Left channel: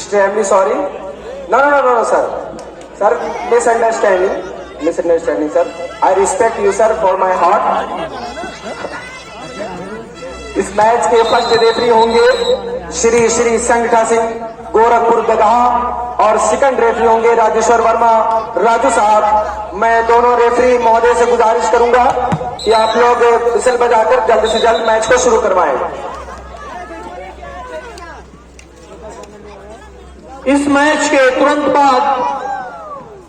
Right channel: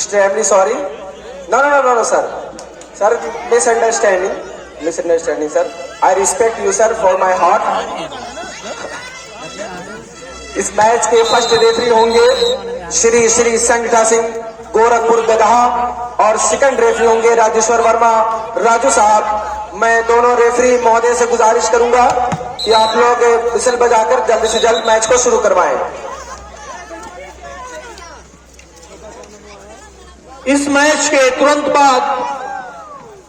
Extremely sorry. No, sir. Sir, misunderstanding, sir. I respect you, sir, for my heart. इस match के first referee होंगे श्री संगठा सिंह गोरखपुर गदहा और second referee होंगे राजेश्वर वर्मा राजू साहब। मैं दोनों रेफरी महोदय से गुजारिश करूंगा कि आप लोग विसिल बजाकर जल्द से जल्द मैच को शुरू करवाएं। इस मैच के तुरंत बाद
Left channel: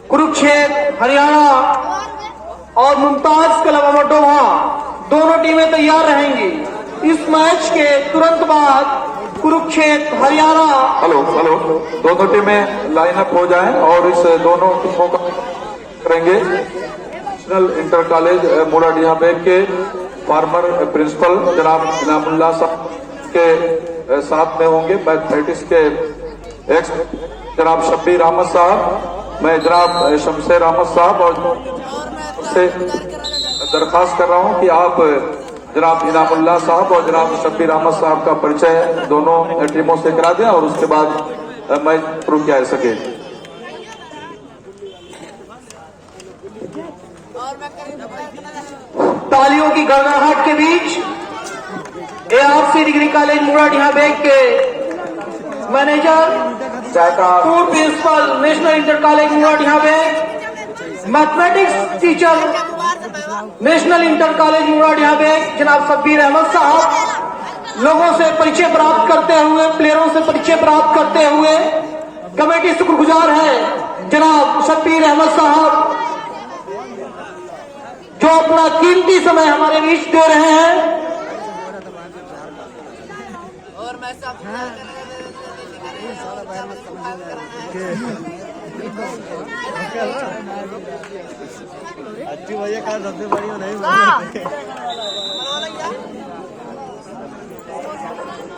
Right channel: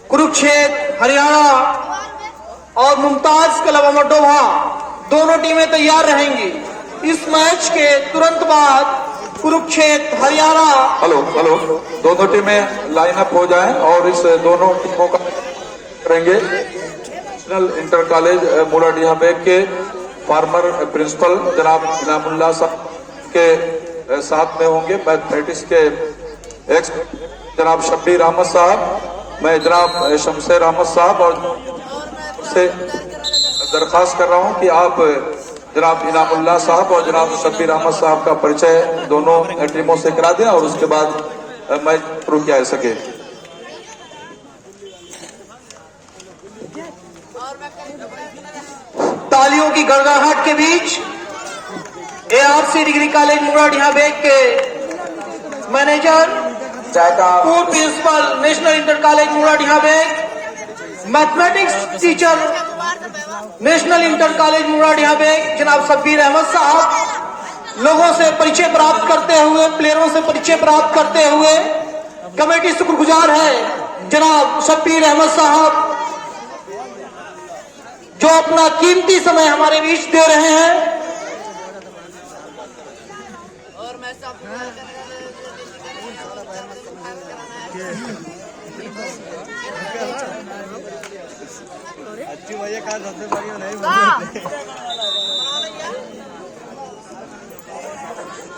कुरुक्षेत्र हरियाणा और मुमताज क्लब अमरडोहा दोनों टीमें तैयार रहेंगी। इस मैच के तुरंत बाद कुरुक्षेत्र हरियाणा हेलो दोनों टीमें लाइनअप हो जाएं और इस दोनों टीमों का करेंगे। National inter college Moradiha Beg के फॉर्मर प्रिंसिपल जनाब इनामुल्लाह साहब के साथ में होंगे। मैथमेटिक्स के एक्स जनाब शब्बीर अहमद साहब, मैं जनाब शमशेर अहमद साहब और से दरखास्त कर रहा हूं कि आप जनाब इनामुल्लाह साहब और जनाब शब्बीर अहमद साहब का परिचय दोनों टीमों से करा दें और उसके बाद मैच शुरू किया जा सके। तालियों की गड़गड़ाहट के बीच ARC degree college Moradiha Beg के मैनेजर पूर्व principal national inter college Moradiha Beg, mathematics teacher national inter college Moradiha Beg जनाब शब्बीर अहमद साहब लोगों से परिचय प्राप्त करते हुए, प्लेयरों से परिचय प्राप्त करते हुए कमेटी शुक्रगुजार है जनाब शब्बीर अहमद साहब जो अपना कीमती समय हमारे बीच दे रहे हैं। अच्छी भैया कहा सबसे बढ़िया नहीं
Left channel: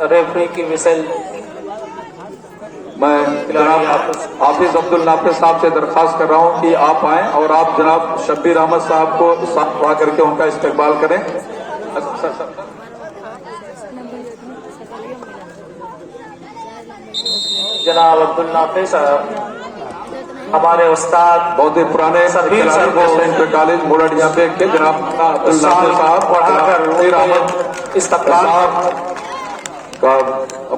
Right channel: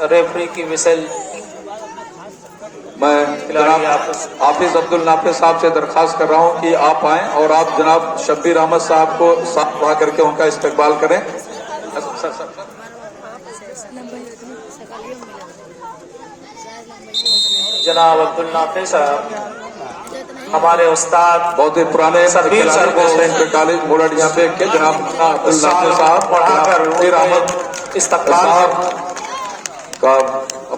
रेफरी की विसल मैं जनाब हाफिज अब्दुल नाफिज साहब से दरखास्त कर रहा हूं कि आप आएं और आप जनाब शब्बीर अहमद साहब को साथ बढ़ा करके उनका इस्तेकबाल करें। जनाब अब्दुल नाफिज साहब हमारे उस्ताद बहुत ही पुराने शब्बीर इंटर कॉलेज मोराडीहा बेग के जनाब अब्दुल नाफिज साहब बढ़ाकर इस्तेकबाल।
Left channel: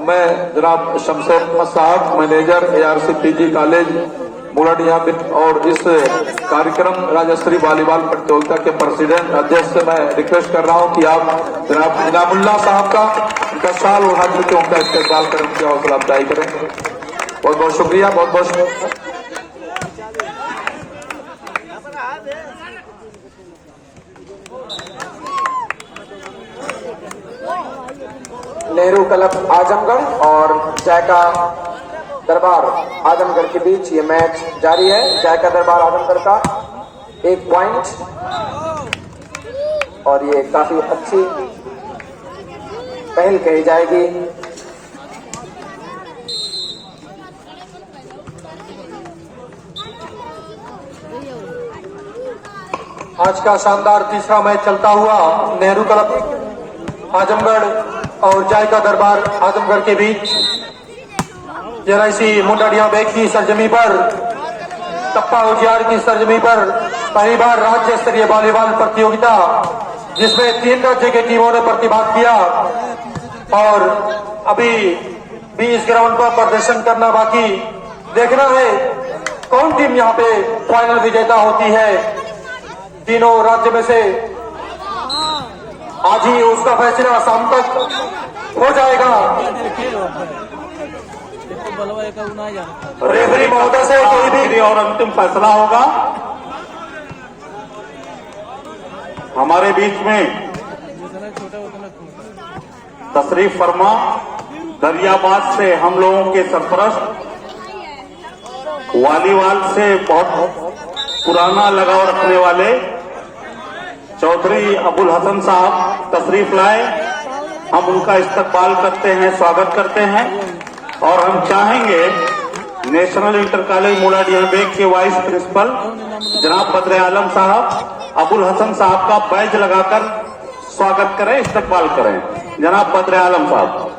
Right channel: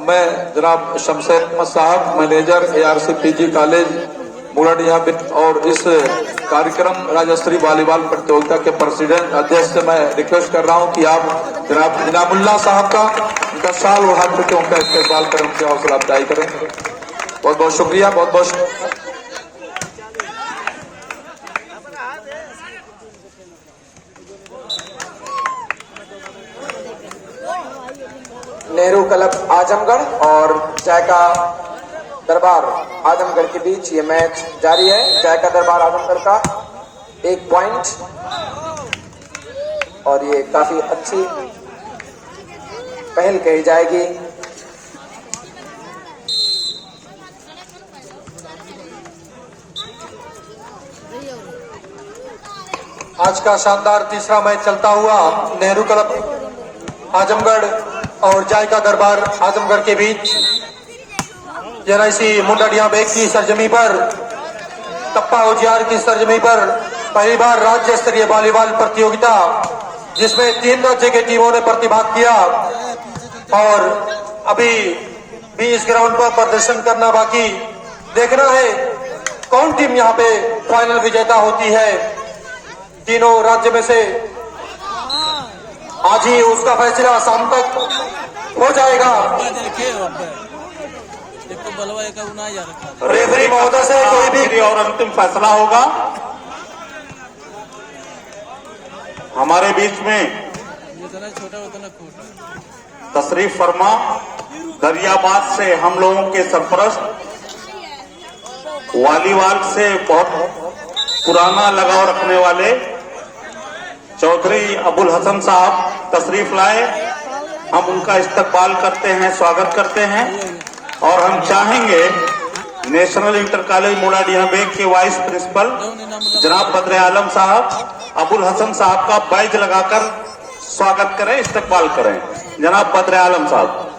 मैं जनाब Shamsher Ahmad sahab manager ARC PG college Moradiha Beg और इस कार्यक्रम राज्यस्तरीय वॉलीबॉल प्रतियोगिता के प्रेसिडेंट अध्यक्ष से मैं रिक्वेस्ट कर रहा हूं कि आप जनाब इनामुल्लाह साहब का उनका साल उठा करके उनका इस्तेकबाल करने की हौसला अफजाई करें। बहुत बहुत शुक्रिया, बहुत बहुत शुक्रिया। नेहरू क्लब आजमगढ़ और जायका दरबार आजमगढ़ के बीच ये मैच जारी है। जायका दरबार आजमगढ़ का 1 पॉइंट और ये काफी अच्छी पहल कही जाएगी। आज का शानदार तीसरा मैच चलता हुआ नेहरू क्लब आजमगढ़ और जायका दरबार आजमगढ़ के बीच NIC मोराडीहा बेग की सरजमी पर, टप्पा उजियार की सरजमी पर पहली बार राज्य स्तरीय वॉलीबॉल प्रतियोगिता जिसमें 3 राज्य की टीमों ने प्रतिभाग किया और अभी भी इस ग्राउंड पर प्रदर्शन करना बाकी। देखना है कौन टीम यहाँ पे फाइनल विजेता होती है। तीनों राज्य में से आज ही उसका फैसला शाम तक हो जाएगा। रेफरी महोदय से कोई भी और अंतिम फैसला होगा। हमारे बीच में तशरीफ फरमा दरियाबाद से हम लोगों के सरपरस्त, वॉलीबॉल से बहुत पुराना लगाव रखने वाले चौधरी अबुल हसन साहब तशरीफ लाए। हम उनका इस्तकबाल करते हैं, स्वागत करते हैं और हम चाहेंगे national inter college Moradiha Beg के वाइस प्रिंसिपल जनाब बद्र आलम साहब अबुल हसन साहब का बैज लगाकर स्वागत करें, इस्तकबाल करें। जनाब बद्र आलम साहब।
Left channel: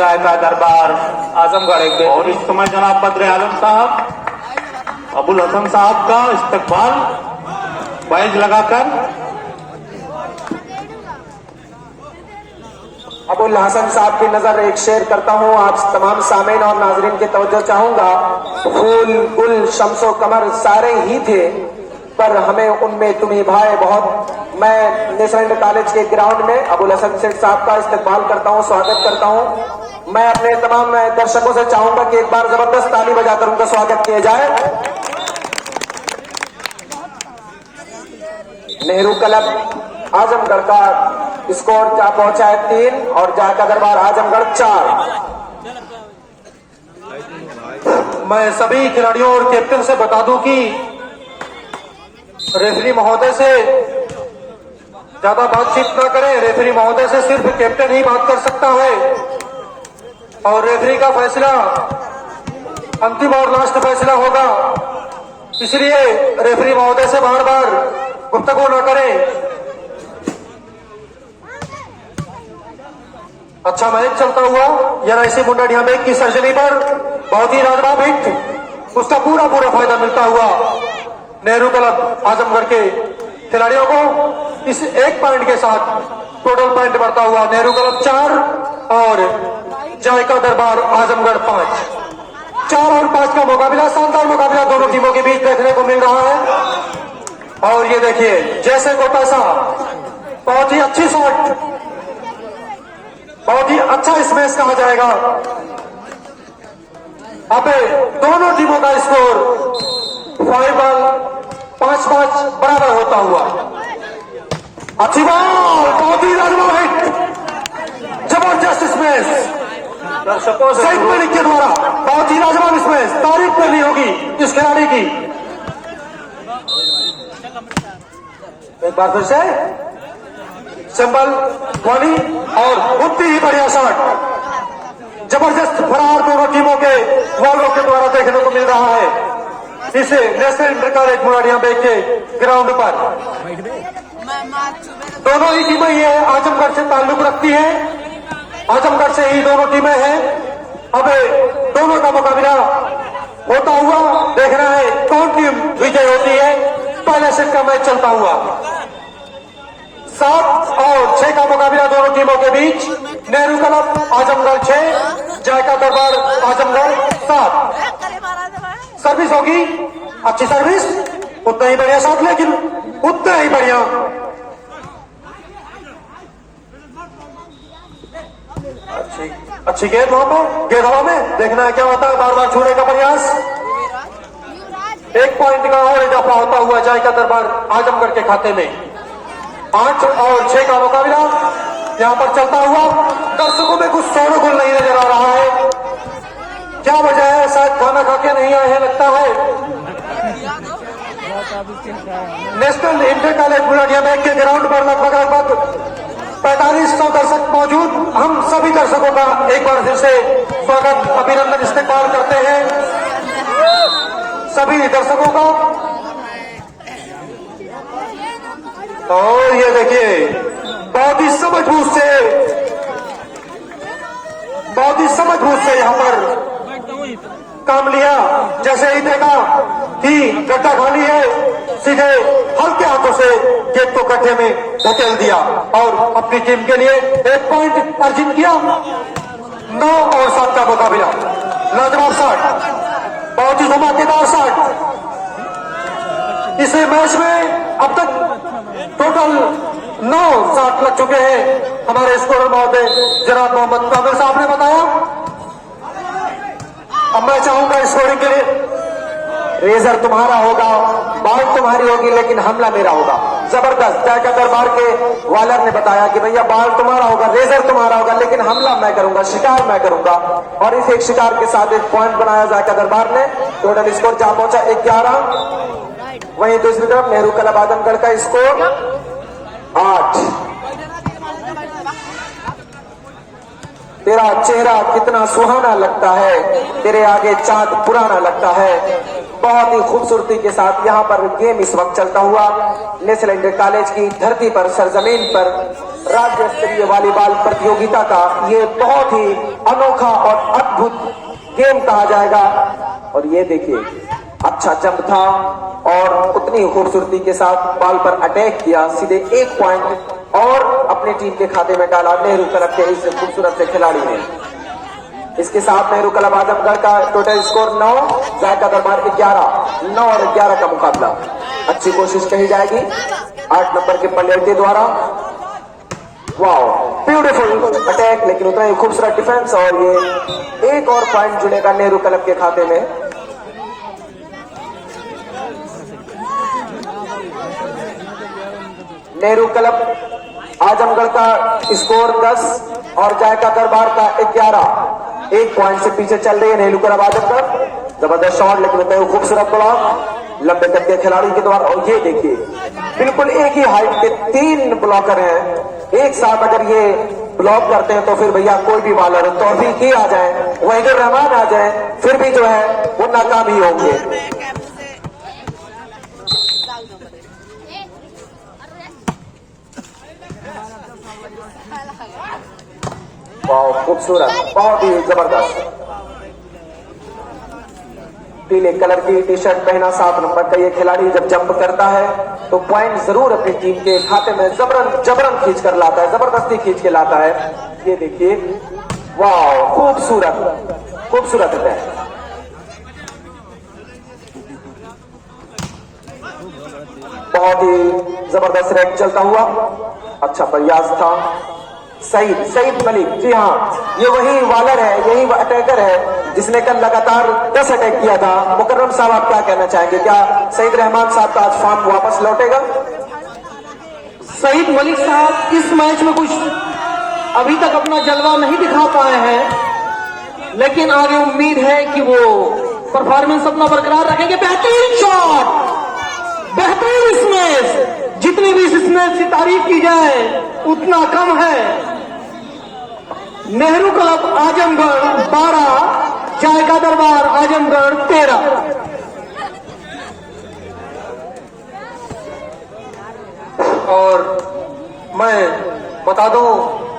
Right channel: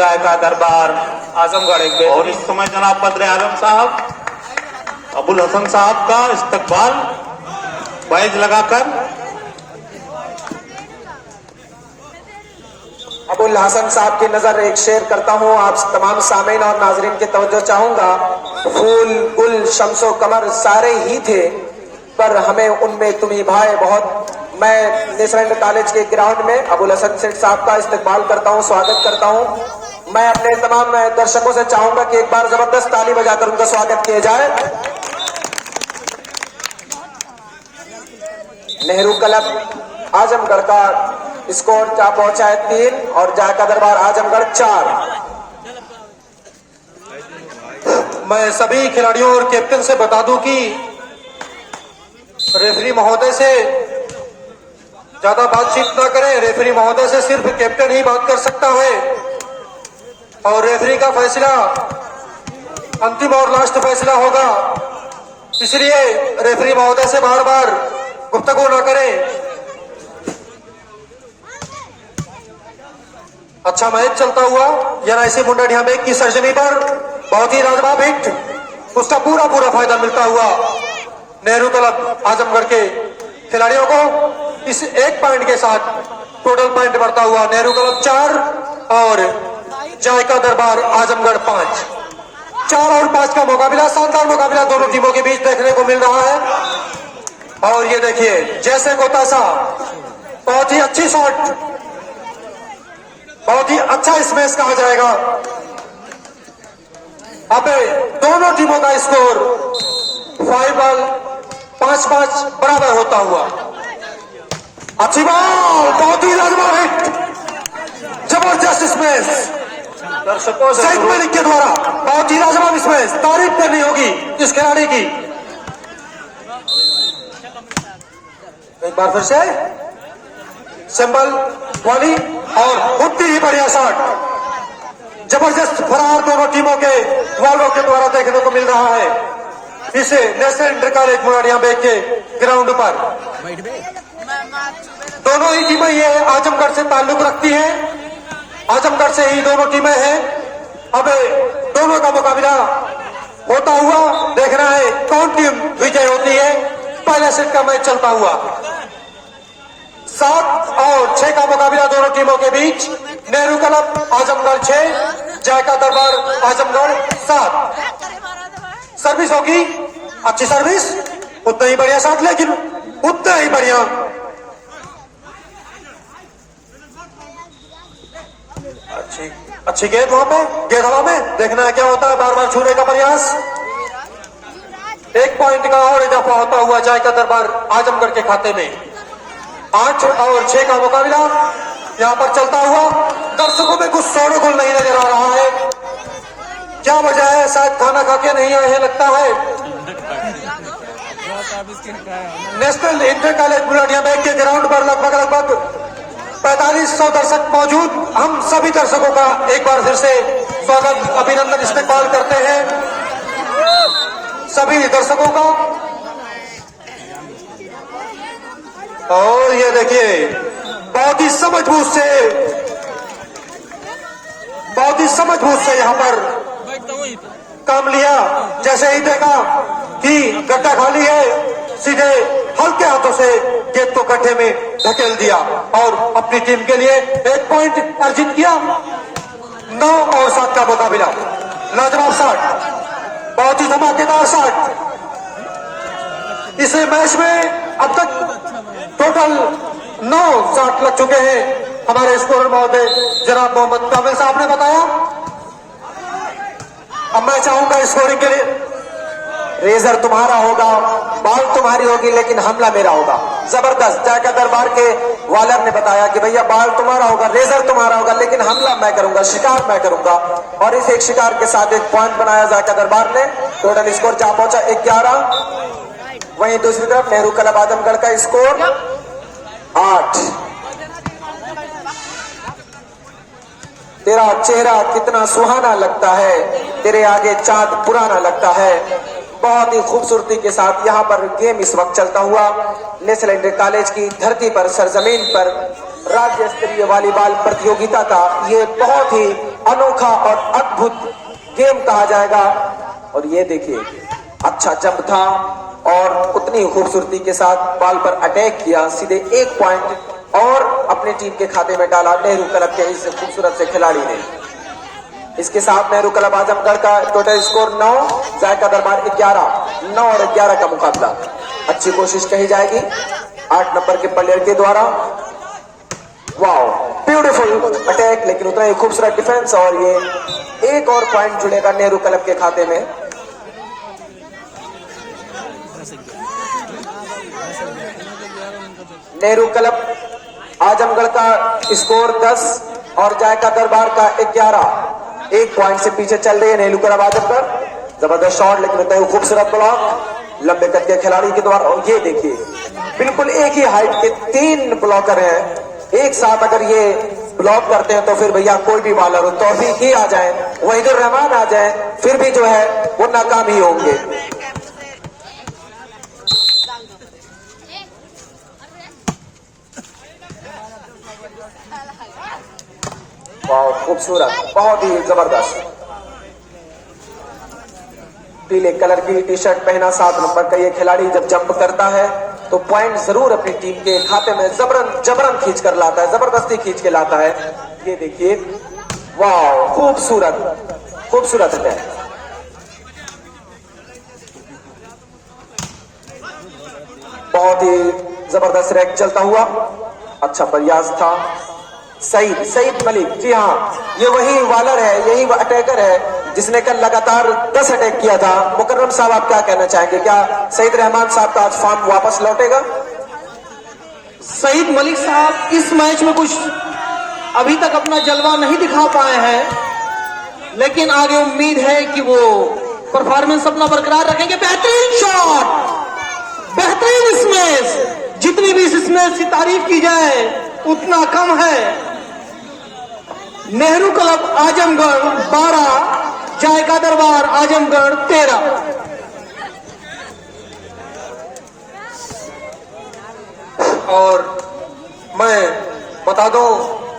जायका दरबार आजमगढ़ एक और इस समय जनाब बद्र आलम साहब अबुल हसन साहब का इस्तकबाल बैज लगाकर अबुल हसन साहब की नजर एक शेर करता हूं आप तमाम सामीन और नाजरीन की तवज्जो चाहूंगा। फूल गुल शम्सो कमर सारे ही थे पर हमें उनमें तुम्ही भाई बहुत। मैं नेशनल कॉलेज के ग्राउंड में अबुल हसन सेठ साहब का इस्तकबाल करता हूं, स्वागत करता हूं। मैं अपने तमाम दर्शकों से चाहूंगा कि एक बार जबरदस्त ताली बजाकर उनका स्वागत किया जाए। नेहरू क्लब आजमगढ़ का स्कोर जा पहुंचा है 3 और जायका दरबार आजमगढ़ 4। मैं सभी खिलाड़ियों और कैप्टन से बता दूं कि रेफरी महोदय से ज्यादा बातचीत न करें। रेफरी महोदय से सिर्फ कैप्टन ही बात कर सकता है और रेफरी का फैसला अंतिम और लास्ट फैसला होगा, इसलिए रेफरी महोदय से बार बार गुफ्तगू न करें। अच्छा मैच चलता हुआ NIC मुंडाडिया बेग की सर्जरी पर बहुत ही लाजवाब हिट, उसका पूरा फायदा मिलता हुआ नेहरू क्लब आजमगढ़ के खिलाड़ियों को इस 1 पॉइंट के साथ टोटल पॉइंट बढ़ता हुआ नेहरू क्लब 4 और जायका दरबार आजमगढ़ 5। 4 और 5 का मुकाबला, शानदार मुकाबला दोनों टीमों के बीच देखने को मिल रहा है। और ये देखिए जैसे गोतासा, बहुत ही अच्छी शॉट, बहुत ही अच्छा स्मैश कहा जाएगा। अब दोनों टीमों का स्कोर 5 बॉल 5-5 बराबर होता हुआ। अच्छी बॉल, बहुत ही लाजवाब हिट, जबरदस्त स्मैश दर्शकों सईद मलिक के द्वारा, बहुत ही लाजवाब स्मैश, तारीफ करनी होगी इस खिलाड़ी की। एक बार फिर से संबल वाली और उतनी ही बढ़िया शॉट, जबरदस्त फरार दोनों टीमों के वालों के द्वारा देखने को मिल रहा है इसे नेशनल इंटर कॉलेज मुंडाडिया बेग के ग्राउंड पर। दोनों ही टीमें ये आजमगढ़ से ताल्लुक रखती हैं, आजमगढ़ से ही दोनों टीमें हैं। अब दोनों का मुकाबला होता हुआ देखना है कौन टीम विजय होती है। पहले सेट का मैच चलता हुआ 7 और 6 का मुकाबला दोनों टीमों के बीच। नेहरू क्लब आजमगढ़ 6, जायका दरबार आजमगढ़ 7। सर्विस होगी, अच्छी सर्विस, उतना ही बढ़िया साथ, लेकिन उतना ही बढ़िया अच्छी गेंद वहां पे, गेंद हवा में, देखना है क्या होता है। बार बार छूने का प्रयास, 1 पॉइंट का और इजाफा होता हुआ जायका दरबार आजमगढ़ के खाते में। 8 और 6 का मुकाबला यहां पर चलता हुआ। दर्शकों में कुछ शोरगुल नहीं नजर आ रहा है, क्या वजह है? शायद खाना खा के नहीं आए हैं लगता है। नेशनल इंटर कॉलेज मुंडाडिया बेग के ग्राउंड पर लगभग 4500 दर्शक मौजूद। हम सभी दर्शकों का एक बार फिर से स्वागत, अभिनंदन, इस्तकबाल करते हैं सभी दर्शकों का। और ये देखिए बहुत ही समझबूझ से यहाँ पर काम लिया। जैसे ही देखा कि गड्ढा खाली है, सीधे हल्के हाथों से गेंद को गड्ढे में धकेल दिया और अपनी टीम के लिए 1 पॉइंट अर्जित किया। 9 और 7 का मुकाबला, लाजवाब शॉट, बहुत ही धमाकेदार शॉट। इस मैच में अब तक टोटल 9 शॉट लग चुके हैं। हमारे स्कोरर महोदय जनाब मोहम्मद काबिल साहब ने बताया। अब मैं चाहूंगा स्कोरिंग के लिए, रेजर तुम्हारा होगा, बॉल तुम्हारी होगी, लेकिन हमला मेरा होगा। जबरदस्त, जायका दरबार के वालर ने बताया कि भैया बॉल तुम्हारा होगा, रेजर तुम्हारा होगा, लेकिन हमला मैं करूंगा, शिकार मैं करूंगा। और इस एक शिकार के साथ 1 पॉइंट बनाया जायका दरबार ने। टोटल स्कोर जा पहुंचा 11। वहीं दूसरी तरफ नेहरू क्लब आजमगढ़ का स्कोर 8। तेरा चेहरा कितना सुहाना लगता है, तेरे आगे चांद पुराना लगता है। बहुत ही खूबसूरती के साथ यहाँ पर गेम इस वक्त चलता हुआ नेशनल इंटर कॉलेज की धरती पर, सरजमीन पर राज्य स्तरीय वॉलीबॉल प्रतियोगिता का ये बहुत ही अनोखा और अद्भुत गेम कहा जाएगा। और ये देखिए अच्छा जंप था और उतनी खूबसूरती के साथ बॉल पर अटैक किया, सीधे 1 पॉइंट और अपने टीम के खाते में डाला नेहरू क्लब के इस खूबसूरत से खिलाड़ी ने। इसके साथ नेहरू क्लब आजमगढ़ का टोटल स्कोर 9, जायका दरबार 11, 9 और 11 का मुकाबला। अच्छी कोशिश कही जाएगी 8 नंबर के प्लेयर के द्वारा। वाओ, ब्यूटीफुल अटैक, लेकिन उतना ही खूबसूरत डिफेंस और ये 1 और पॉइंट जुड़ेगा नेहरू क्लब के खाते में। नेहरू क्लब आजमगढ़ का स्कोर 10 और जायका दरबार का 11, 1 पॉइंट से पीछे चल रही है नेहरू क्लब आजमगढ़। जबरदस्त शॉट, लेकिन उतना ही खूबसूरत ब्लॉक लंबे कद के खिलाड़ी के द्वारा। और ये देखिए बिल्कुल एक ही हाइट के 3 ब्लॉकर हैं, एक साथ अगर ये ब्लॉक करते हैं तो फिर भैया कोई भी बॉलर हो तो भी ये आ जाए, वहीदुर रहमान आ जाए, फिर भी जो है वो नाकाम ही होंगे। वाह, खूबसूरत, बहुत ही जबरदस्त। पीले कलर की टी शर्ट पहना 7 नंबर का ये खिलाड़ी जब जंप करता है तो पॉइंट जरूर अपनी टीम के खाते में जबरन खींच कर लाता है, जबरदस्ती खींच के लाता है। ये देखिए, वाह, खूबसूरत है। बहुत ही जबरदस्त रैक चलता हुआ, अच्छा प्रयास था। सईद मलिक, जी हाँ, ये वही बॉलर है, यही अटैकर है जिसने कल लगातार 10 अटैक किया था। मुकर्रम साहब, आप क्या कहना चाहेंगे? क्या सईद रहमान साहब का आज फॉर्म वापस लौटेगा? सईद मलिक साहब इस मैच में कुछ अभी तक अपना जलवा नहीं दिखा पाए हैं, लेकिन आगे उम्मीद है कि वो परफॉर्मेंस अपना बरकरार रखेंगे। बेहतरीन शॉट, बेहतरीन स्मैश, जितनी भी इस स्मैश की तारीफ की जाए उतना कम है। नेहरू क्लब आजमगढ़ 12, जायका दरबार आजमगढ़ 13। और मैं बता दूं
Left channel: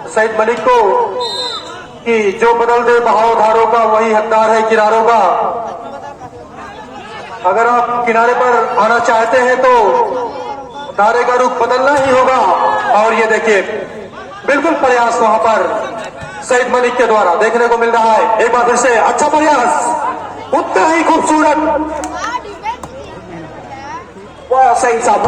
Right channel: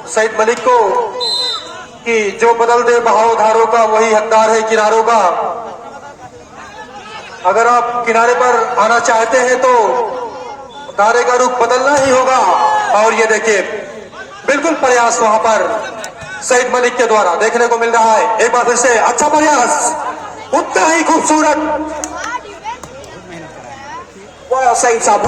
सईद मलिक को कि जो बदल दे बहाव धारों का वही हकदार है किनारों का। अगर आप किनारे पर आना चाहते हैं तो धारे का रुख बदलना ही होगा। और ये देखिए बिल्कुल प्रयास वहां पर सईद मलिक के द्वारा देखने को मिल रहा है। एक बार फिर से अच्छा प्रयास, उतना ही खूबसूरत। वाह सईद साहब,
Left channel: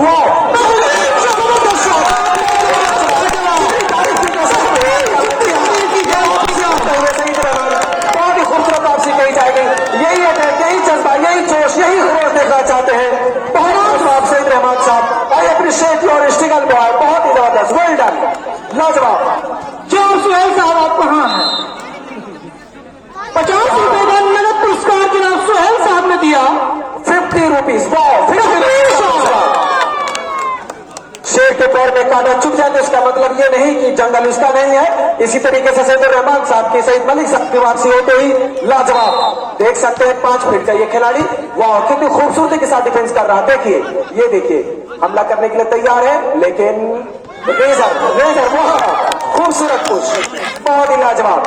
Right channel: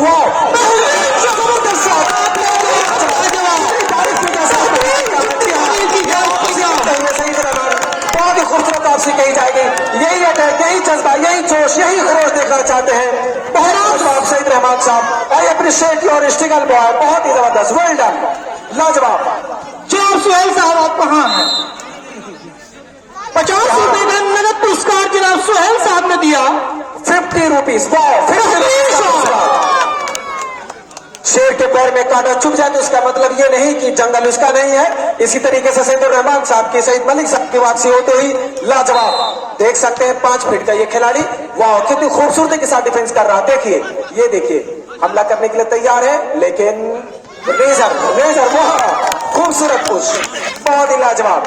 खूबसूरत आपसे कही जाएगी। यही अटैक, यही जज्बा, यही जोश, यही खरोश देखना चाहते हैं। बहुत सईद रहमान साहब, आई अप्रिशिएट योर स्ट्रगल, बहुत ही जबरदस्त, वेल डन, लाजवाब। जॉब सुहेल साहब आप कहाँ हैं? 50 रुपए का नगद पुरस्कार जनाब सुहेल साहब ने दिया। 50 रुपीज। शेर के पैर में कांटा चुभ जाए तो इसका मतलब ये नहीं कि जंगल उसका नहीं है। इसी तरीके से सईद रहमान साहब की, सईद मलिक साहब की वापसी होते ही लाजवाब। देख सकते हैं 5 फीट का ये खिलाड़ी, वाह कितनी खूबसूरती के साथ डिफेंस कर रहा है। देखिए, ये देखिए हमला करने के लिए तैयार है, लेकिन रेजर खूबसूरत कुछ, बहुत ही लाजवाब।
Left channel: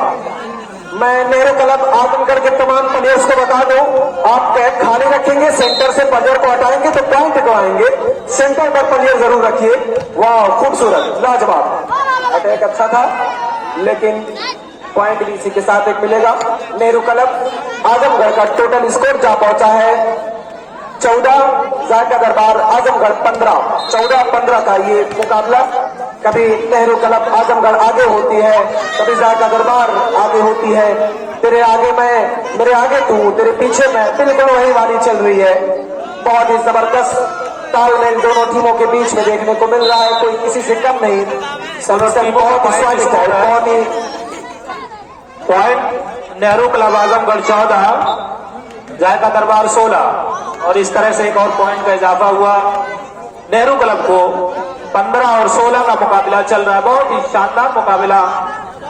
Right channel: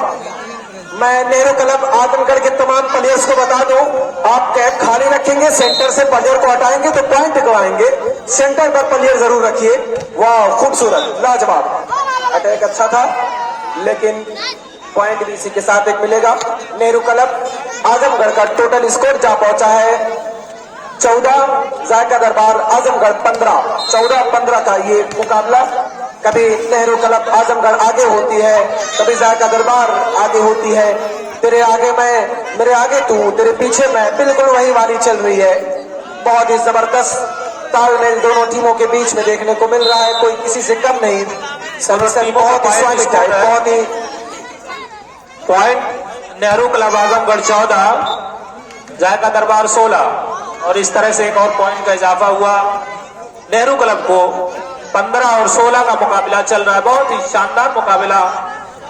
मैं नेहरू क्लब आजमगढ़ के तमाम प्लेयर्स को बता दूं, आप कैप खाली रखेंगे, सेंटर से प्लेयर को हटाएंगे तो पॉइंट गवाएंगे। सेंटर पर प्लेयर जरूर रखिए। वाह, खूबसूरत, लाजवाब अटैक अच्छा था, लेकिन पॉइंट भी इसी के साथ एक मिलेगा। नेहरू क्लब आजमगढ़ का टोटल स्कोर जा पहुंचा है 14, जायका दरबार आजमगढ़ 15। 14-15 का ये मुकाबला। कभी नेहरू क्लब आजमगढ़ आगे होती है, कभी जायका दरबार आगे होती है। तेरे आगे मैं, मेरे आगे तू, तेरे पीछे मैं, बिल्कुल वही वाली चल रही है। बहुत ही जबरदस्त तालमेल दोनों टीमों के बीच में देखने को मिल रहा है, कोई किसी से कम नहीं। सर्विस बहुत ही स्वादिष्ट है, बहुत ही। पॉइंट नेहरू क्लब आजमगढ़ 14, जायका दरबार 16 और इस तरह से एक और पॉइंट का इजाफा हुआ। नेहरू क्लब को 15 और 16 का मुकाबला चल रहा है। बहुत ही शानदार मुकाबला,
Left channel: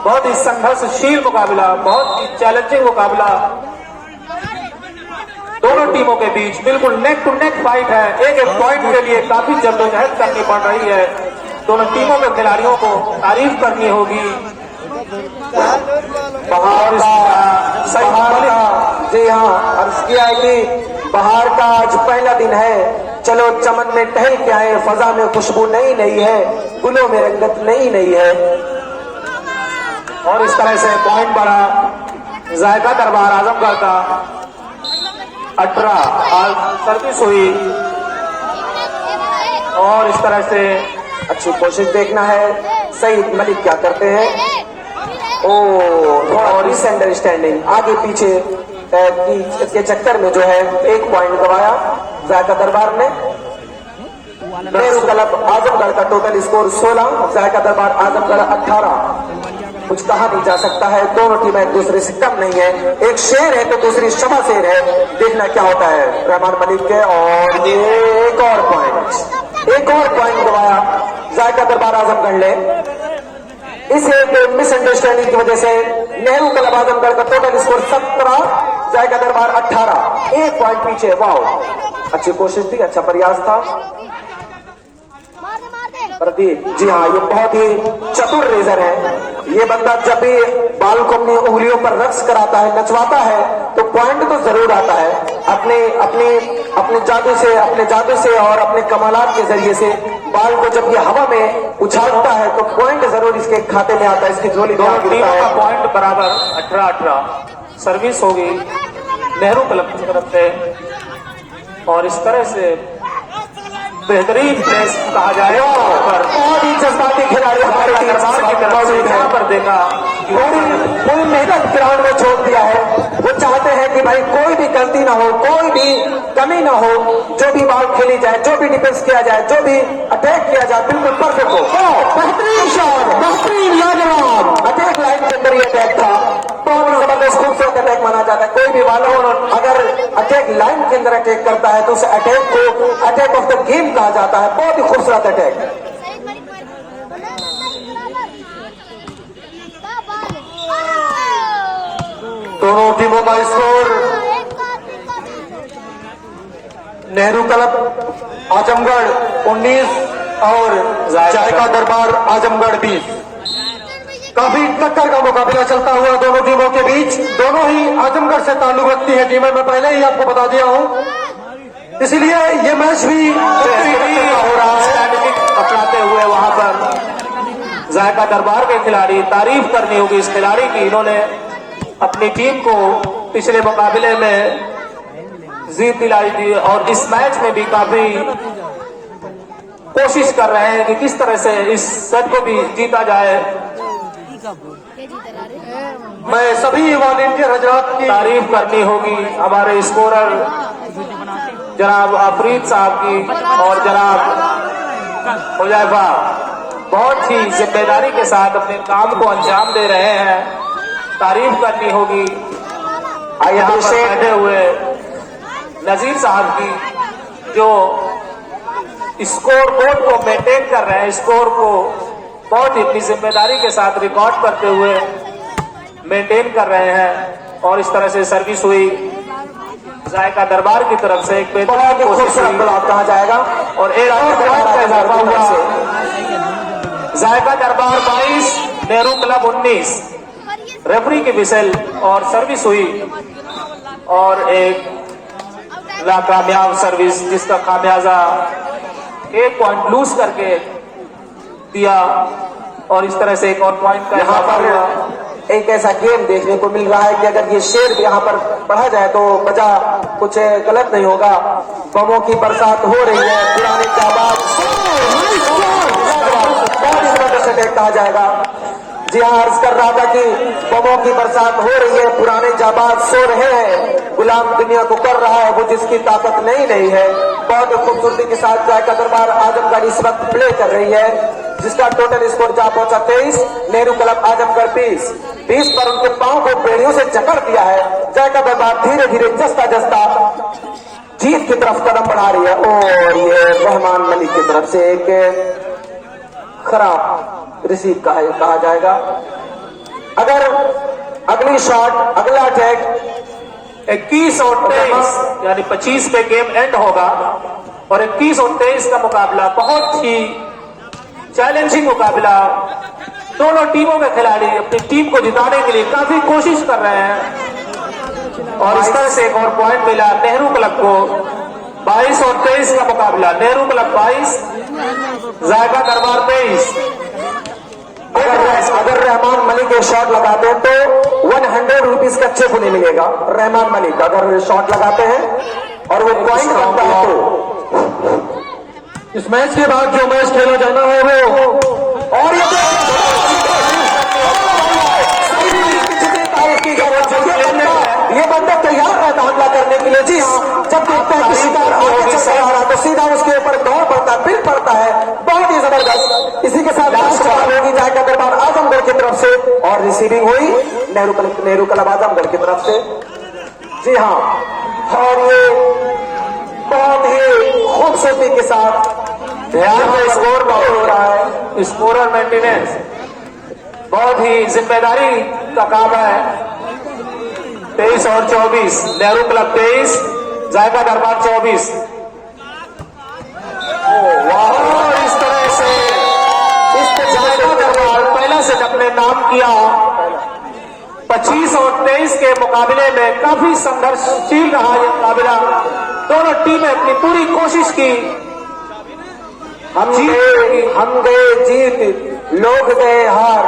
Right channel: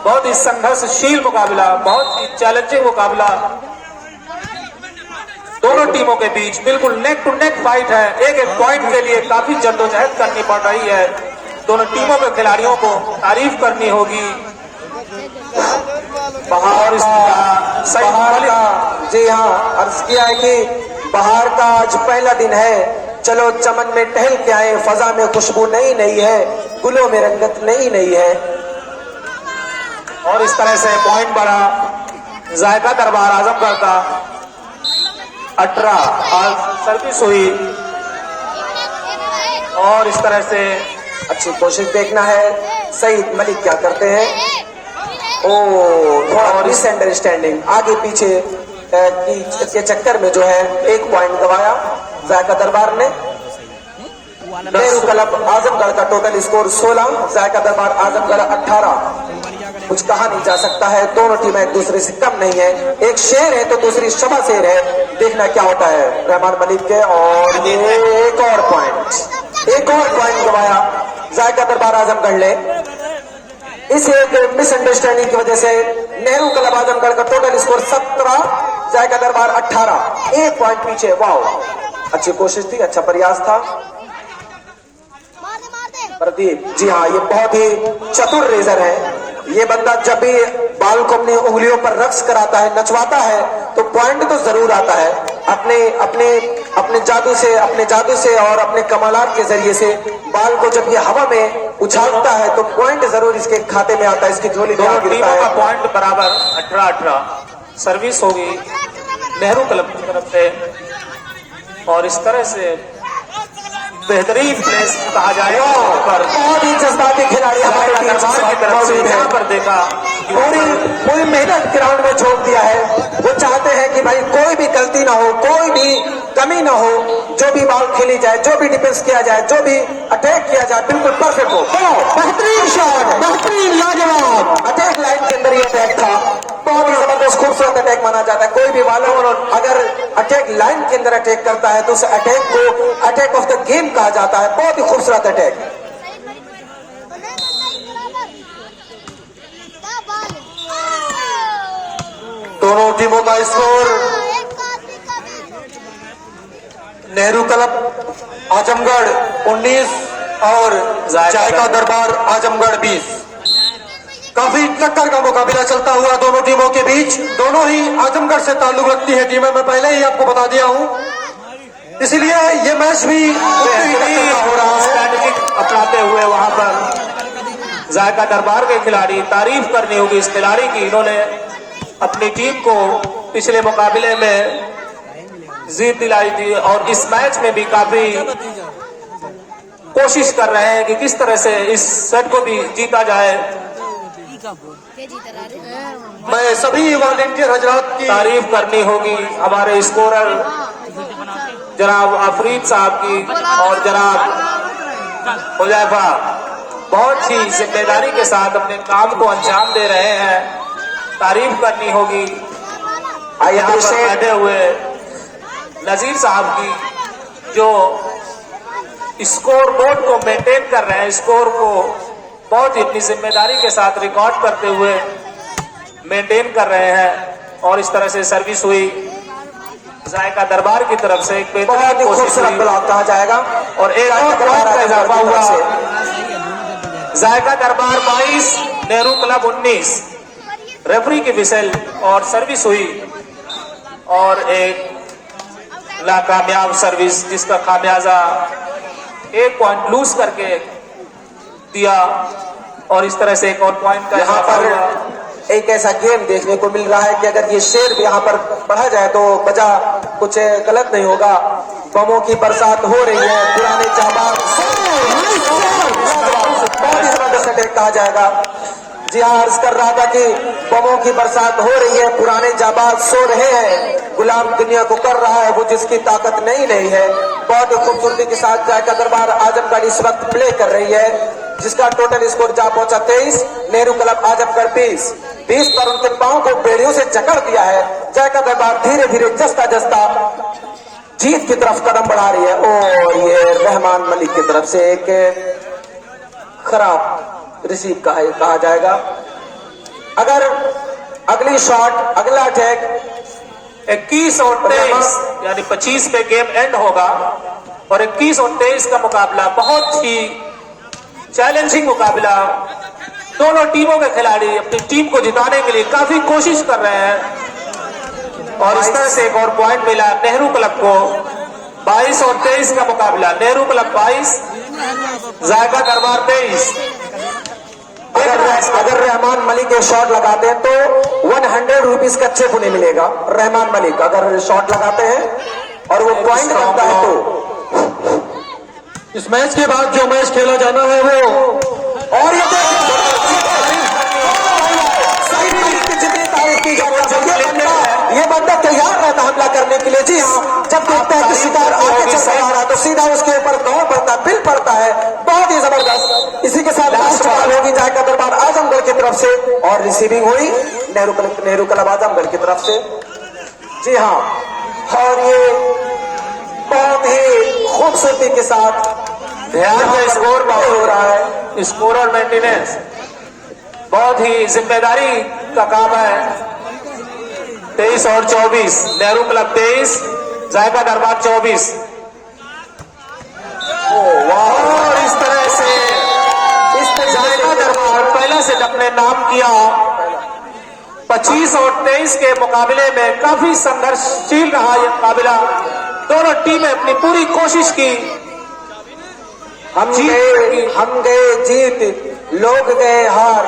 बहुत ही संघर्षशील मुकाबला, बहुत ही चैलेंजिंग मुकाबला। दोनों टीमों के बीच बिल्कुल नेक टू नेक फाइट है। एक एक पॉइंट के लिए काफी जद्दोजहद करनी पड़ रही है। दोनों टीमों के खिलाड़ियों को तारीफ करनी होगी। बाहर सही जी हाँ, अर्ज किया है कि बाहर का आज पहला दिन है, चलो चमन में टहल के आए, फजा में खुशबू नई नई है, गुलों में रंगत नई नई है। और इस तरह से पॉइंट बढ़ा जायका दरबार आजमगढ़ का 18 और सर्विस हुई। और इस तरह से अच्छी कोशिश देखना है सईद मलिक क्या करते हैं। थोड़ा मिसअंडरस्टैंडिंग आगे पीछे के चक्कर में जो है 1 पॉइंट गवाया जायका दरबार ने। नेहरू क्लब आजमगढ़ का टोटल स्कोर 16, जायका दरबार आजमगढ़ 18। कुछ कहा नहीं जा सकता है, दोनों टीमें एक दूसरे से कम नहीं है। एक शेर है तो दूसरी शबा शेर है, देखना क्या होता है रहमान मलिक के। और एक और पॉइंट गवाया जायका दरबार आजमगढ़ ने। इस एक मिसअंडरस्टैंडिंग की वजह से नेहरू क्लब आजमगढ़ का टोटल स्कोर 17, जायका दरबार 18, 1 पॉइंट पीछे। वाह, अच्छी कोशिश थी, अच्छा प्रयास था प्रदीप। जी हाँ, ये बहुत ही चतुर रेजर है। ये बंदा जब भी बाल को अपनी उंगलियों पर रक्स कराता है, नचवाता है, तो पॉइंट तो जरूर आता है। अपने जादू से और अपने कमालात के जरिए से बाल को जब ये हवा में उछालता है तो पॉइंट जरूर इसके खाते में आता है, इसकी झोली में गिरता है। पॉइंट बराबर 18-18 सर्विस होगी नेहरू क्लब की तरफ से। और इस तरह से बेहतरीन प्लेस कहा जाएगा। जज्बाती खिलाड़ी हमारे टीम की तरफ से यहाँ पर देखा पूरी मेहनत ग्राउंड में छोड़ दिया है। वो चाहते हैं कि भाई कोई भी गलती ना हो, कोई भी कमी ना हो, जो भी बॉल खेली जाए, जो भी डिफेंस किया जाए, जो भी अटैक किया जाए, बिल्कुल परफेक्ट हो। बेहतरीन शॉट, बेहतरीन लाजवाब अटैक लाइन के अंदर ये अटैक था, बहुत ही जबरदस्त खूबसूरत अटैक माना जाता है। कोई भी बॉलर अगर अटैक लाइन के अंदर अटैक करता है तो उस अटैक को अटैक ऑफ द गेम कहा जाता है। बहुत ही खूबसूरत अटैक। दोनों टीमों का स्कोर नेहरू क्लब आजमगढ़ 19 और जायका दरबार आजमगढ़ 20। काफी टक्कर का मुकाबला चलता हुआ दोनों टीमों के बीच। दोनों ही आजमगढ़ से ताल्लुक रखती है टीमें, मैं पहले ही आपको बता दिया हूं, इसलिए ये मैच भी अपनाते हुए वहां पर जायका दरबार के खिलाड़ी, तारीफ करनी होगी इस खिलाड़ी की। इन्होंने अपनी टीम को पिछले मुकाबले में जीत दिलाई थी और इस मैच में भी काफी कोशिश कर रहे हैं कि किस तरह से इस सेट को भी जीता जाए। मैं सभी वॉलंटियर हजरात की तारीफ करनी होगी हमारे स्कोरर जनाब आफरीद साहब की और जनाब हुजैफा, बहुत ही जिम्मेदारी के साथ अपने काम को अंजाम दे रहे हैं। तारीफ करनी होगी बैठे हुए नजीर साहब की, जो स्कोर बोर्ड को मेंटेन कर रहे हैं, स्कोर को बहुत ही अपनी जिम्मेदारी के साथ रिकॉर्ड करते हुए मेंटेन कर रहे हैं। और इस तरह से सर्विस हुई जायका दरबार की तरफ से, एक बेहतरीन कोशिश कहा जाएगा और एक पॉइंट का इजाफा हुआ। जायका दरबार 22, नेहरू क्लब 19। रेफरी की विसल और सर्विस हुई और एक नाकामयाब सर्विस, जिसका खामियाजा 1 पॉइंट लूज करके दिया। और इस तरह से एक और पॉइंट का यहाँ पर एक ऐसा गेम देखने को मिल रहा है कि अगर ये शेर यहाँ पर पढ़ा जाए तो बजा कुछ गलत नहीं होगा। बमों की बरसात हो रही है, पुराने जाबाज कहा जाएगा। जी हाँ, अर्ज कर रहा था कि बमों की बरसात हो रही है, पुराने जाबाज सो रहे हैं, गुलाम दुनिया को कर रहा है वो जिसकी ताकत नहीं है। बहुत ही खूबसूरती के साथ जायका दरबार आजमगढ़ इस वक्त प्ले कर रही है, जिसका टोटल स्कोर जा पहुंचा 23, नेहरू क्लब आजमगढ़ 20 पर इनके पांव को बेड़ियों से जकड़ दिया है। जायका दरबार धीरे धीरे जस्ता जीत की तरफ कदम बढ़ा रही है। और ये रहमान मलिक की तरफ से एक खराब रिसीव कहा जाएगा। अगर अगली शॉट, अगला अटैक 21 और 23 यानी 25 पे गेम एंड होगा और 21 और 23 का मुकाबला बहुत ही चैलेंजिंग मुकाबला दोनों टीमों के खिलाड़ी अपनी टीम को जिताने के लिए काफी कोशिश कर रहे हैं और इस तरह से एक और पॉइंट मिला नेहरू क्लब को। 22 और 23 का मुकाबला, नेहरू क्लब 22, जायका दरबार 23। अगर रहमान मलिक के शॉट लगाते हैं तो 100 रुपीज कच्चे को नहीं मिलेगा। रहमान मलिक अगर शॉट लगाते हैं और वो पॉइंट बनता है तो इस मैच के बाद जो मैच खेला जाना है वो, और ये बंदा तैयार रहता हमला करने के लिए। जी जब देखता है कि शिकार आगे चल रहा तो सीधा उसके ऊपर दौड़ पड़ता, पिल पड़ता है। बहुत ही जबरदस्त। इसी के साथ होगी जायका दरबार आजमगढ़ की तरफ से और रिसीविंग हुई नेहरू क्लब आजमगढ़ की तरफ से। जी हाँ, और ये बहुत ही खूबसूरती के साथ ध्यान में स्कोर हो रहा है, स्कोर और मेंटेनेंस बहुत ही जिम्मेदारी का काम है। 23 और 24, नेहरू क्लब 23, जायका दरबार 24। इस तरह से पहले से अपने नाम किया। 25 और 23 के मुकाबले में काफी संघर्षशील रहा ये मुकाबला। दोनों टीमें अपनी पूरी कोशिश की। हम गए जीत, लोग गए हार,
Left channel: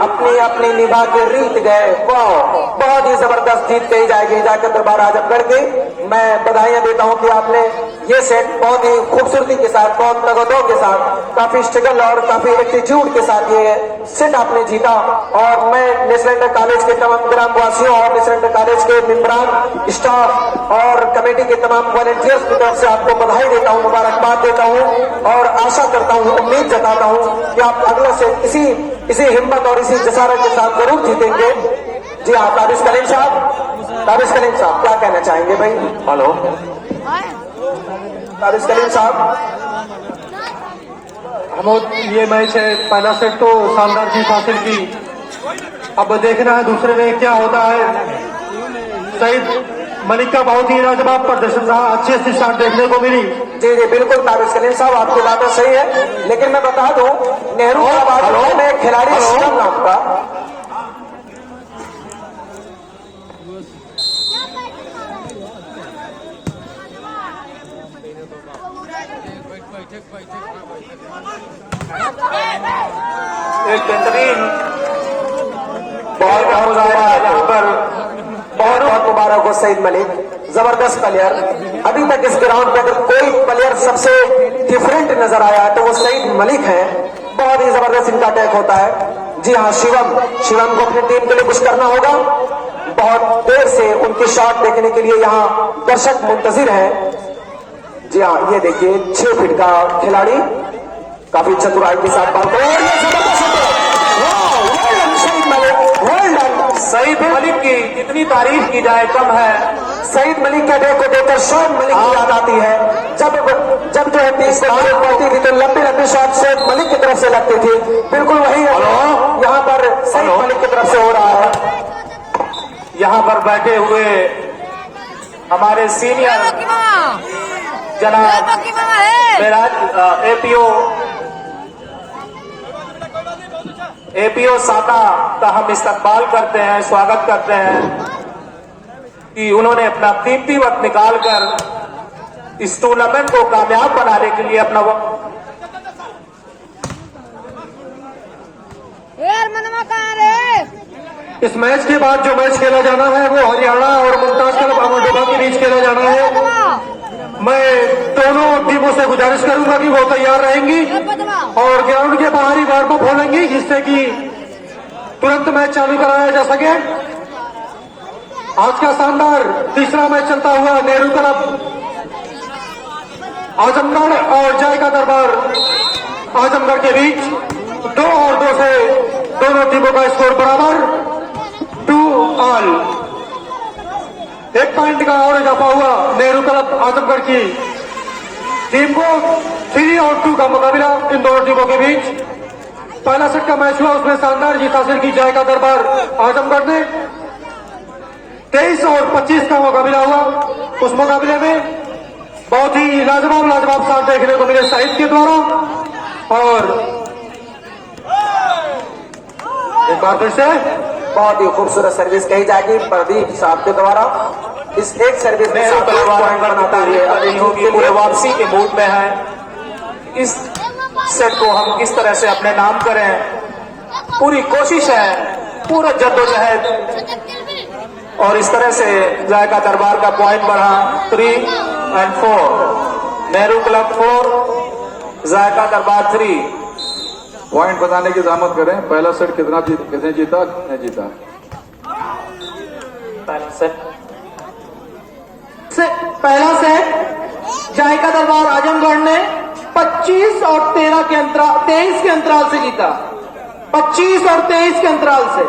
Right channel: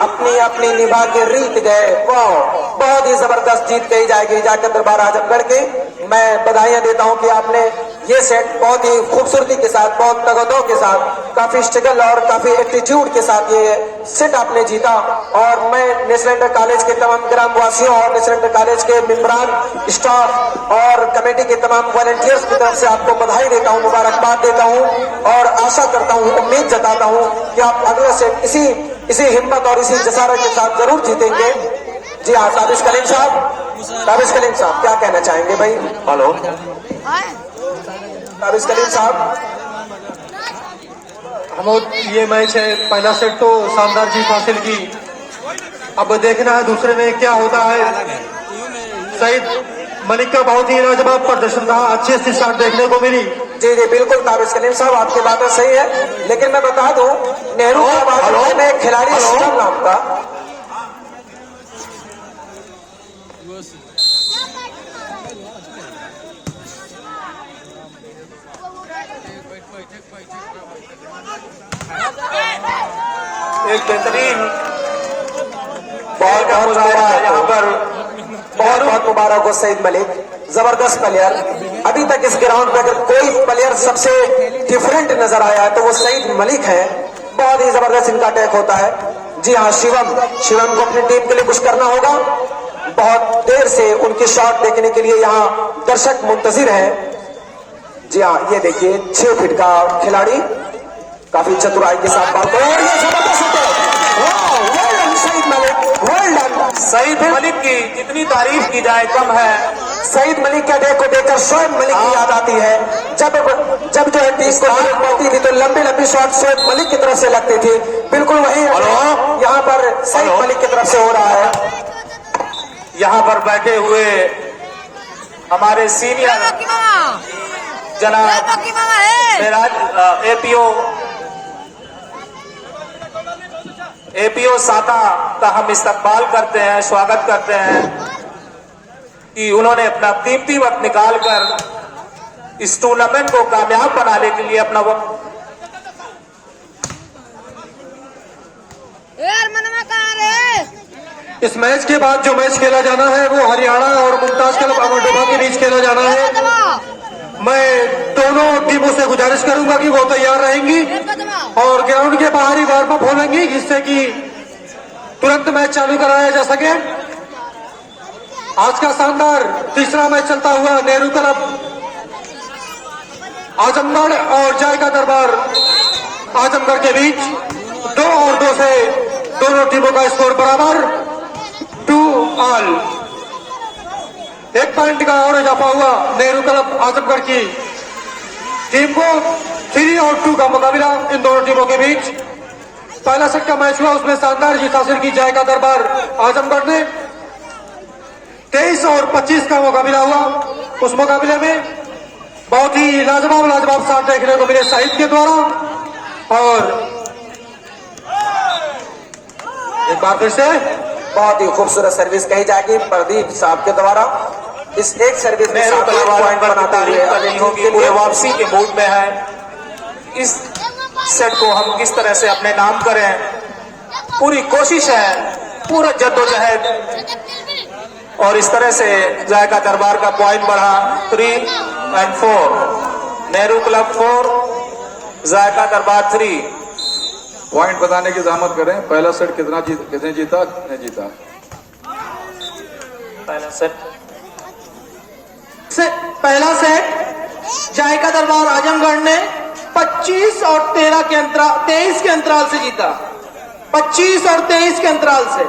अपनी अपनी निभा के रीत गए। बहुत ही जबरदस्त जीत कही जाएगी जाकर दरबार आजमगढ़ के। मैं बधाइयां देता हूं कि आपने ये सेट बहुत ही खूबसूरती के साथ, बहुत तगदो के साथ, काफी स्ट्रगल और काफी एटीट्यूड के साथ ये सेट आपने जीता। और मैं नेशनल इंटर कॉलेज के तमाम ग्रामवासियों और नेशनल इंटर कॉलेज के मेंबरान, स्टाफ और कमेटी के तमाम वॉलंटियर्स की तरफ से आपको बधाई देता हूं, मुबारकबाद देता हूं और आशा करता हूं, उम्मीद जताता हूं कि आप अगला सेट इसी हिम्मत और इसी जसारत के साथ जरूर जीतेंगे। जी हाँ, ताबिश कलीम साहब क्या कहना चाहेंगे भाई? हेलो, ताबिश कलीम साहब। हम ये मैच है, पहला सेट तो शानदार जीत हासिल की। अब देखना है दूसरे में क्या होता है। सईद मलिक का बहुत ही लाजवाब प्रदर्शन था, अच्छी शॉट देखने को मिली। जी जी बिल्कुल ताबिश कलीम साहब, आपकी बातें सही है, लेकिन मैं बता दूं नेहरू क्लब में खिलाड़ी शिवम नाम का एक बेहतरीन बॉल का रहा है यहाँ पर। बहुत बहुत मुबारक हो सईद मलिक, जबरदस्त प्लेयर। अभी तक इस ग्राउंड पे अगर कोई प्लेयर सबसे डिफरेंट नजर आया तो वो सईद मलिक है। बहुत ही जबरदस्त इनका अटैक होता है। जी हाँ, शिवम को अपनी टीम के लिए कुछ करना होगा। बहुत देर से उनकी शॉट देखने के लिए यहाँ दर्शक मुंतजिर है। जी हाँ, ये देखिए 6 फीट का खिलाड़ी काफी चतुराई के साथ बात कर रहे हैं। सईद मलिक की कितनी तारीफ की जाए कम है। सईद मलिक का डेक को देखकर शॉट मलिक की याद आती है। जब जो है 30 से मलिक पड़ती थी तो लंबी लंबी शॉट शॉट मलिक की तरफ से लगती थी। बिल्कुल वही यहाँ पर सईद मलिक की तरफ से हो रहा है। यहाँ पर बैठे हुए हमारे सीनियर जनाब एपीओ साता का हम इस्तकबाल करते हैं, स्वागत करते हैं कि उन्होंने अपना कीमती वक्त निकालकर इस टूर्नामेंट को कामयाब बनाने के लिए अपना वक्त। इस मैच के बाद जो मैच खेला जाना है वो हरियाणा और मुमताज क्लब अमरडोबा के बीच खेला जाना है। मैं दोनों टीमों से गुजारिश करूंगा कि वो तैयार रहेंगी और ग्राउंड के बाहर ही वार्म अप होंगी, जिससे कि तुरंत मैच चालू कराया जा सके। आज का शानदार तीसरा मैच चलता हुआ नेहरू क्लब आजमगढ़ और जायका दरबार आजमगढ़ के बीच 2 और 2 से दोनों टीमों का स्कोर बराबर 2-2। 1 पॉइंट का और इजाफा हुआ नेहरू क्लब आजमगढ़ की टीम को। 3 और 2 का मुकाबला इन दोनों टीमों के बीच। पहला सेट का मैच हुआ, उसमें शानदार जीत हासिल की जायका दरबार आजमगढ़ ने। 23 और 25 का मुकाबला हुआ। उस मुकाबले में बहुत ही लाजवाब शॉट देखने को मिले शहीद के द्वारा और एक बार फिर से बहुत ही खूबसूरत सर्विस कही जाएगी प्रदीप साहब के द्वारा। इस एक सर्विस में नेहरू क्लब पॉइंट बनाता होगी, पूरे वापसी के मूड में है। इस सेट को हम किस तरह से अपने नाम करें, पूरी कोशिश है, पूरा जद्दोजहद। और इस तरह से जायका दरबार का पॉइंट बढ़ा 3 और 4, नेहरू क्लब 4, जायका दरबार 3। पॉइंट बताने की जहमत करें, पहला सेट कितने जीता कितने जीता है? पहला सेट पहला सेट जायका दरबार आजमगढ़ ने 25 और 23 के अंतराल से जीता। 25 और 23 के अंतराल से।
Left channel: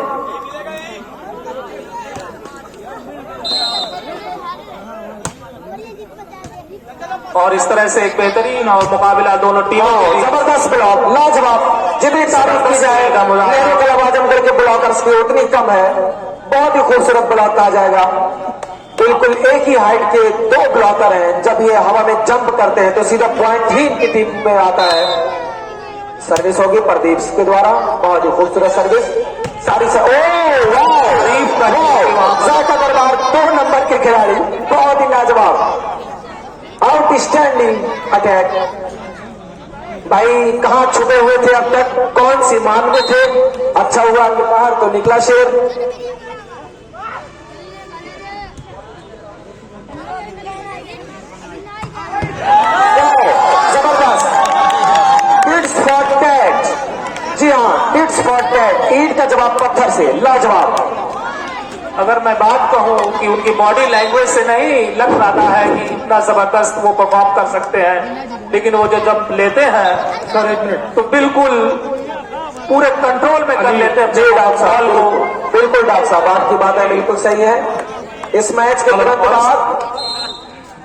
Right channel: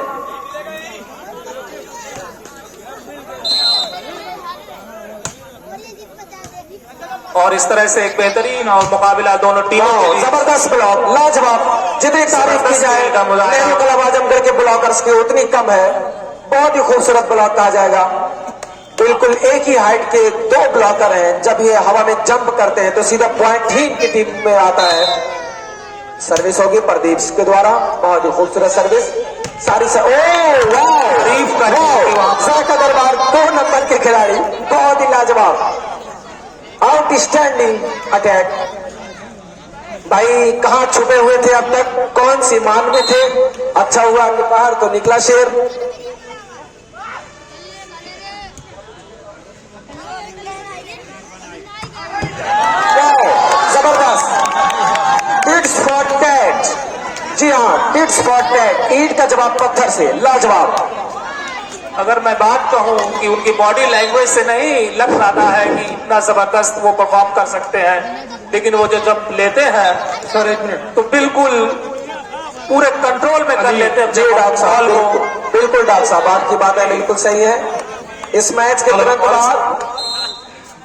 और इस तरह से एक बेहतरीन और मुकाबला दोनों टीमों के बीच। जबरदस्त ब्लॉक, लाजवाब। जितनी तारीफ की जाए नेहरू क्लब आजमगढ़ के ब्लॉकर्स की उतनी कम है। बहुत ही खूबसूरत ब्लॉक कहा जाएगा। बिल्कुल एक ही हाइट के 2 ब्लॉकर हैं। जब ये हवा में जंप करते हैं तो सीधा पॉइंट ही इनकी टीम में आता है। सर्विस होगी प्रदीप के द्वारा, बहुत ही खूबसूरत सर्विस। सारी से जायका दरबार 2 नंबर के खिलाड़ी, बहुत ही लाजवाब, आउटस्टैंडिंग अटैक। भाई कहां छुपे हुए थे अब तक, कौन सी मान में थे? अच्छा हुआ कि बाहर तो निकला शेर। जबरदस्त टिट्स फॉर टैट। जी हाँ, टिट्स फॉर टैट। ईंट का जवाब पत्थर से, लाजवाब। अगर मैं बात कहूं कि उनकी बॉडी लैंग्वेज से नहीं लग रहा है कि इतना जबरदस्त वो परफॉर्म कर सकते हैं, लेकिन वो जो जब लेते हैं सर 1 मिनट। तो बिल्कुल पूरे कंट्रोल में कर लेते हैं जी डॉक्टर बॉल साहब, को। बिल्कुल डॉक्टर साहब आपकी बातें बिल्कुल सही है। इस मैच के तुरंत बाद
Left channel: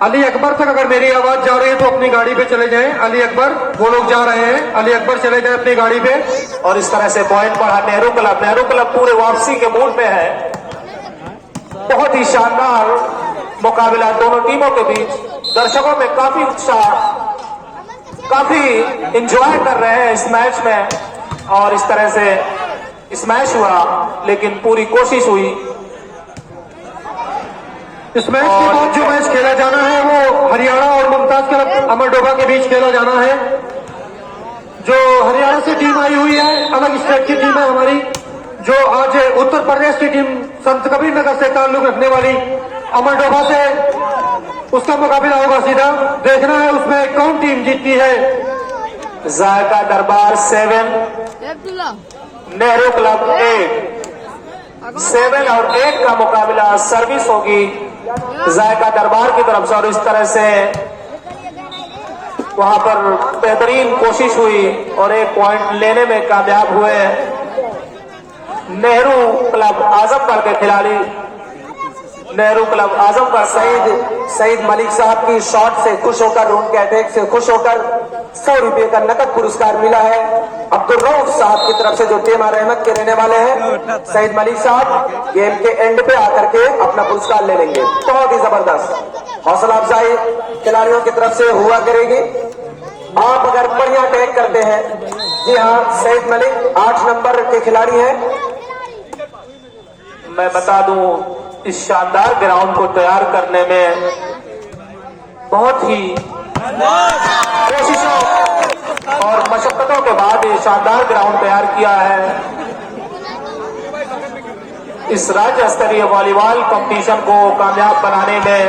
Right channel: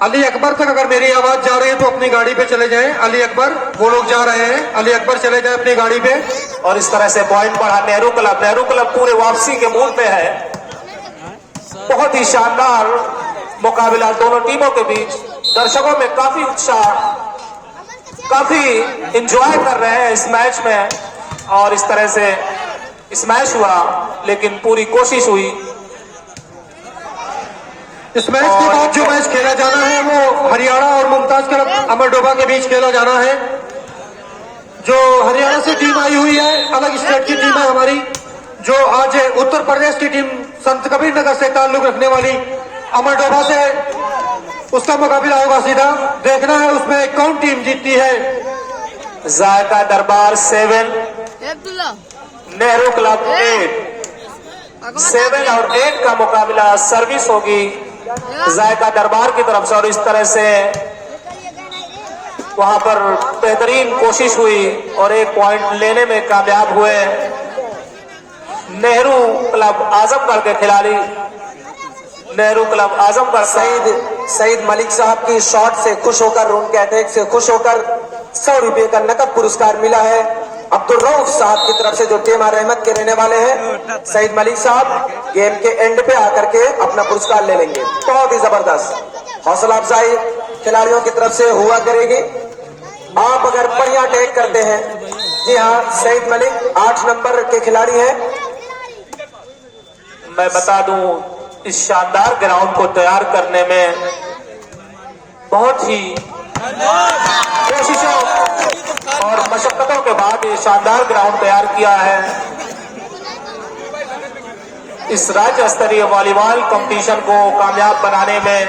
अली अकबर तक अगर मेरी आवाज जा रही है तो अपनी गाड़ी पे चले जाएं। अली अकबर, वो लोग जा रहे हैं, अली अकबर चले जाएं अपनी गाड़ी पे। और इस तरह से पॉइंट बढ़ा नेहरू क्लब पूरे वापसी के मूड पे है। बहुत ही शानदार मुकाबला दोनों टीमों के बीच। दर्शकों में काफी उत्साह, काफी एंजॉय कर रहे हैं इस मैच में। और इस तरह से इस मैच हुआ, लेकिन पूरी कोशिश हुई। इस मैच के बाद जो मैच खेला जाना है वो हरियाणा और मुमताज क्लब अमरडोबा के बीच खेला जाना है। जो हरियाणा से टीम आई हुई है, अलग स्टेट की टीम है हमारी, जो आज उत्तर प्रदेश की टीम संत कबीर नगर से ताल्लुक रखने वाली अमरडोबा से, उसका मुकाबला होगा सीधा। देखना है उसमें कौन टीम जीतती है। जायका दरबार 7, नेहरू क्लब 8। 7 और 8 का मुकाबला सर्विस होगी जायका दरबार की तरफ से। और इस तरह से वहां पर बेहतरीन कोशिश हुई और एक पॉइंट लेने में कामयाब हुए नेहरू क्लब आजमगढ़ के खिलाड़ी। नेहरू क्लब आजमगढ़ सईद मलिक साहब की शॉट से खुश होकर, उनके अटैक से खुश होकर 100 रुपये का नकद पुरस्कार मिला है अब्दुल रऊफ साहब की तरफ से, जो टेमा रहमत के रहने वाले हैं। सईद मलिक साहब गेम के एंड पे आकर के अपना पुरस्कार ले लेंगे। बहुत ही जबरदस्त हौसला अफजाई खिलाड़ियों की तरफ से हुआ करेगी। आप अगर बढ़िया अटैक करते हैं, जी हाँ, सईद मलिक 8 नंबर के खिलाड़ी हैं। मैं बता दूं, इस शानदार ग्राउंड को तैयार करने में बहुत ही कोशिशों और मशक्कतों के बाद ये शानदार ग्राउंड तैयार किया है। इस राज्य स्तरीय वॉलीबॉल कंपटीशन को कामयाब बनाने में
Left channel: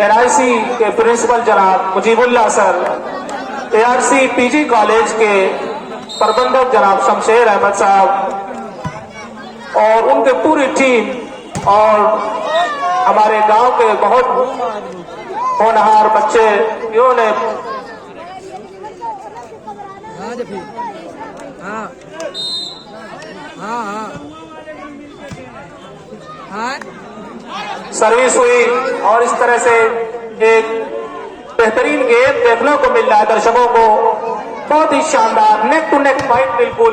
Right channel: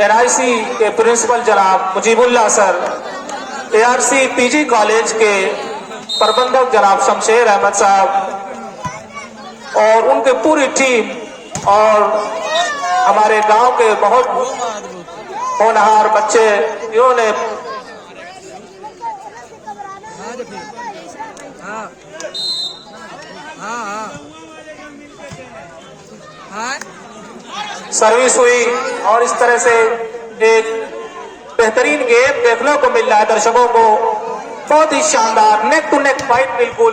NIC के प्रिंसिपल जनाब Mujibullah sir, ARC PG college के प्रबंधक जनाब शमशेर अहमद साहब और उनकी पूरी टीम, और हमारे गांव के बहुत होनहार बच्चे, इन्होंने सर्विस हुई। और इस तरह से एक बेहतरीन गेम देखने को मिल रहा है दर्शकों को। बहुत ही शानदार नेक टू नेक फाइट, बिल्कुल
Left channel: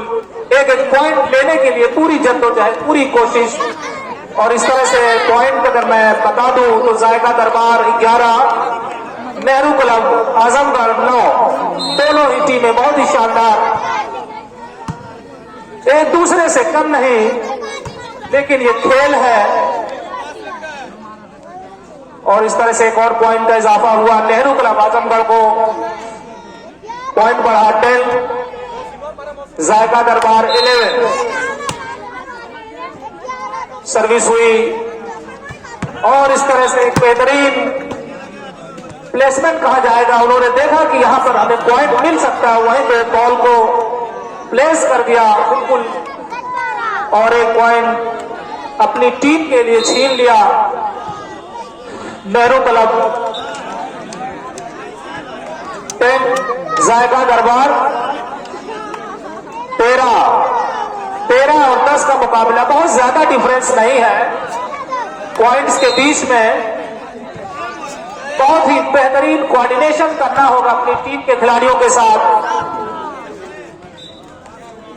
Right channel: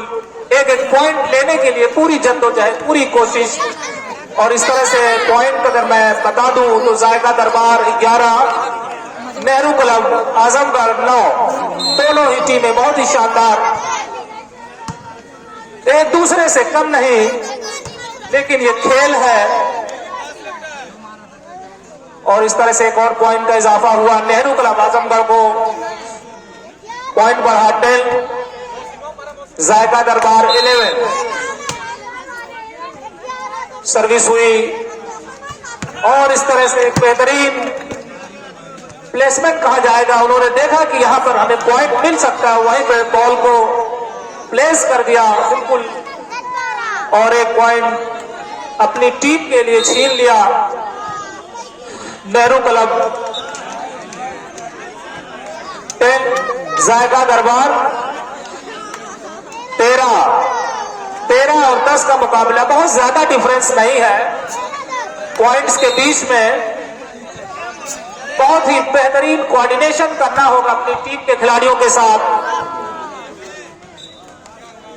एक पॉइंट लेने के लिए पूरी जद्दोजहद, पूरी कोशिश। और इस तरह से पॉइंट अगर मैं बता दूं तो जायका दरबार 11, नेहरू क्लब आजमगढ़ 9, दोनों ही टीमें बहुत ही शानदार एक दूसरे से कम नहीं, लेकिन ये खेल है। और इस तरह से एक और पॉइंट का इजाफा हुआ। नेहरू क्लब आजमगढ़ को पॉइंट बढ़ा 10, जायका दरबार 11। सर्विस हुई और इस तरह से एक बेहतरीन प्लेसमेंट कहा जाएगा। उन्होंने देखा कि यहां पर हमें पॉइंट मिल सकता है, वहीं पे बॉल को प्लेस कर दिया बिल्कुल, और एक पॉइंट अपनी टीम के लिए छीन लिया नेहरू क्लब। 10 जायका दरबार 13 और 10 का मुकाबला। बहुत ज्यादा डिफरेंस नहीं है पॉइंट्स के बीच में। बहुत ही बेहतरीन कोऑर्डिनेशन करना होगा अपनी टीम के खिलाड़ियों के साथ।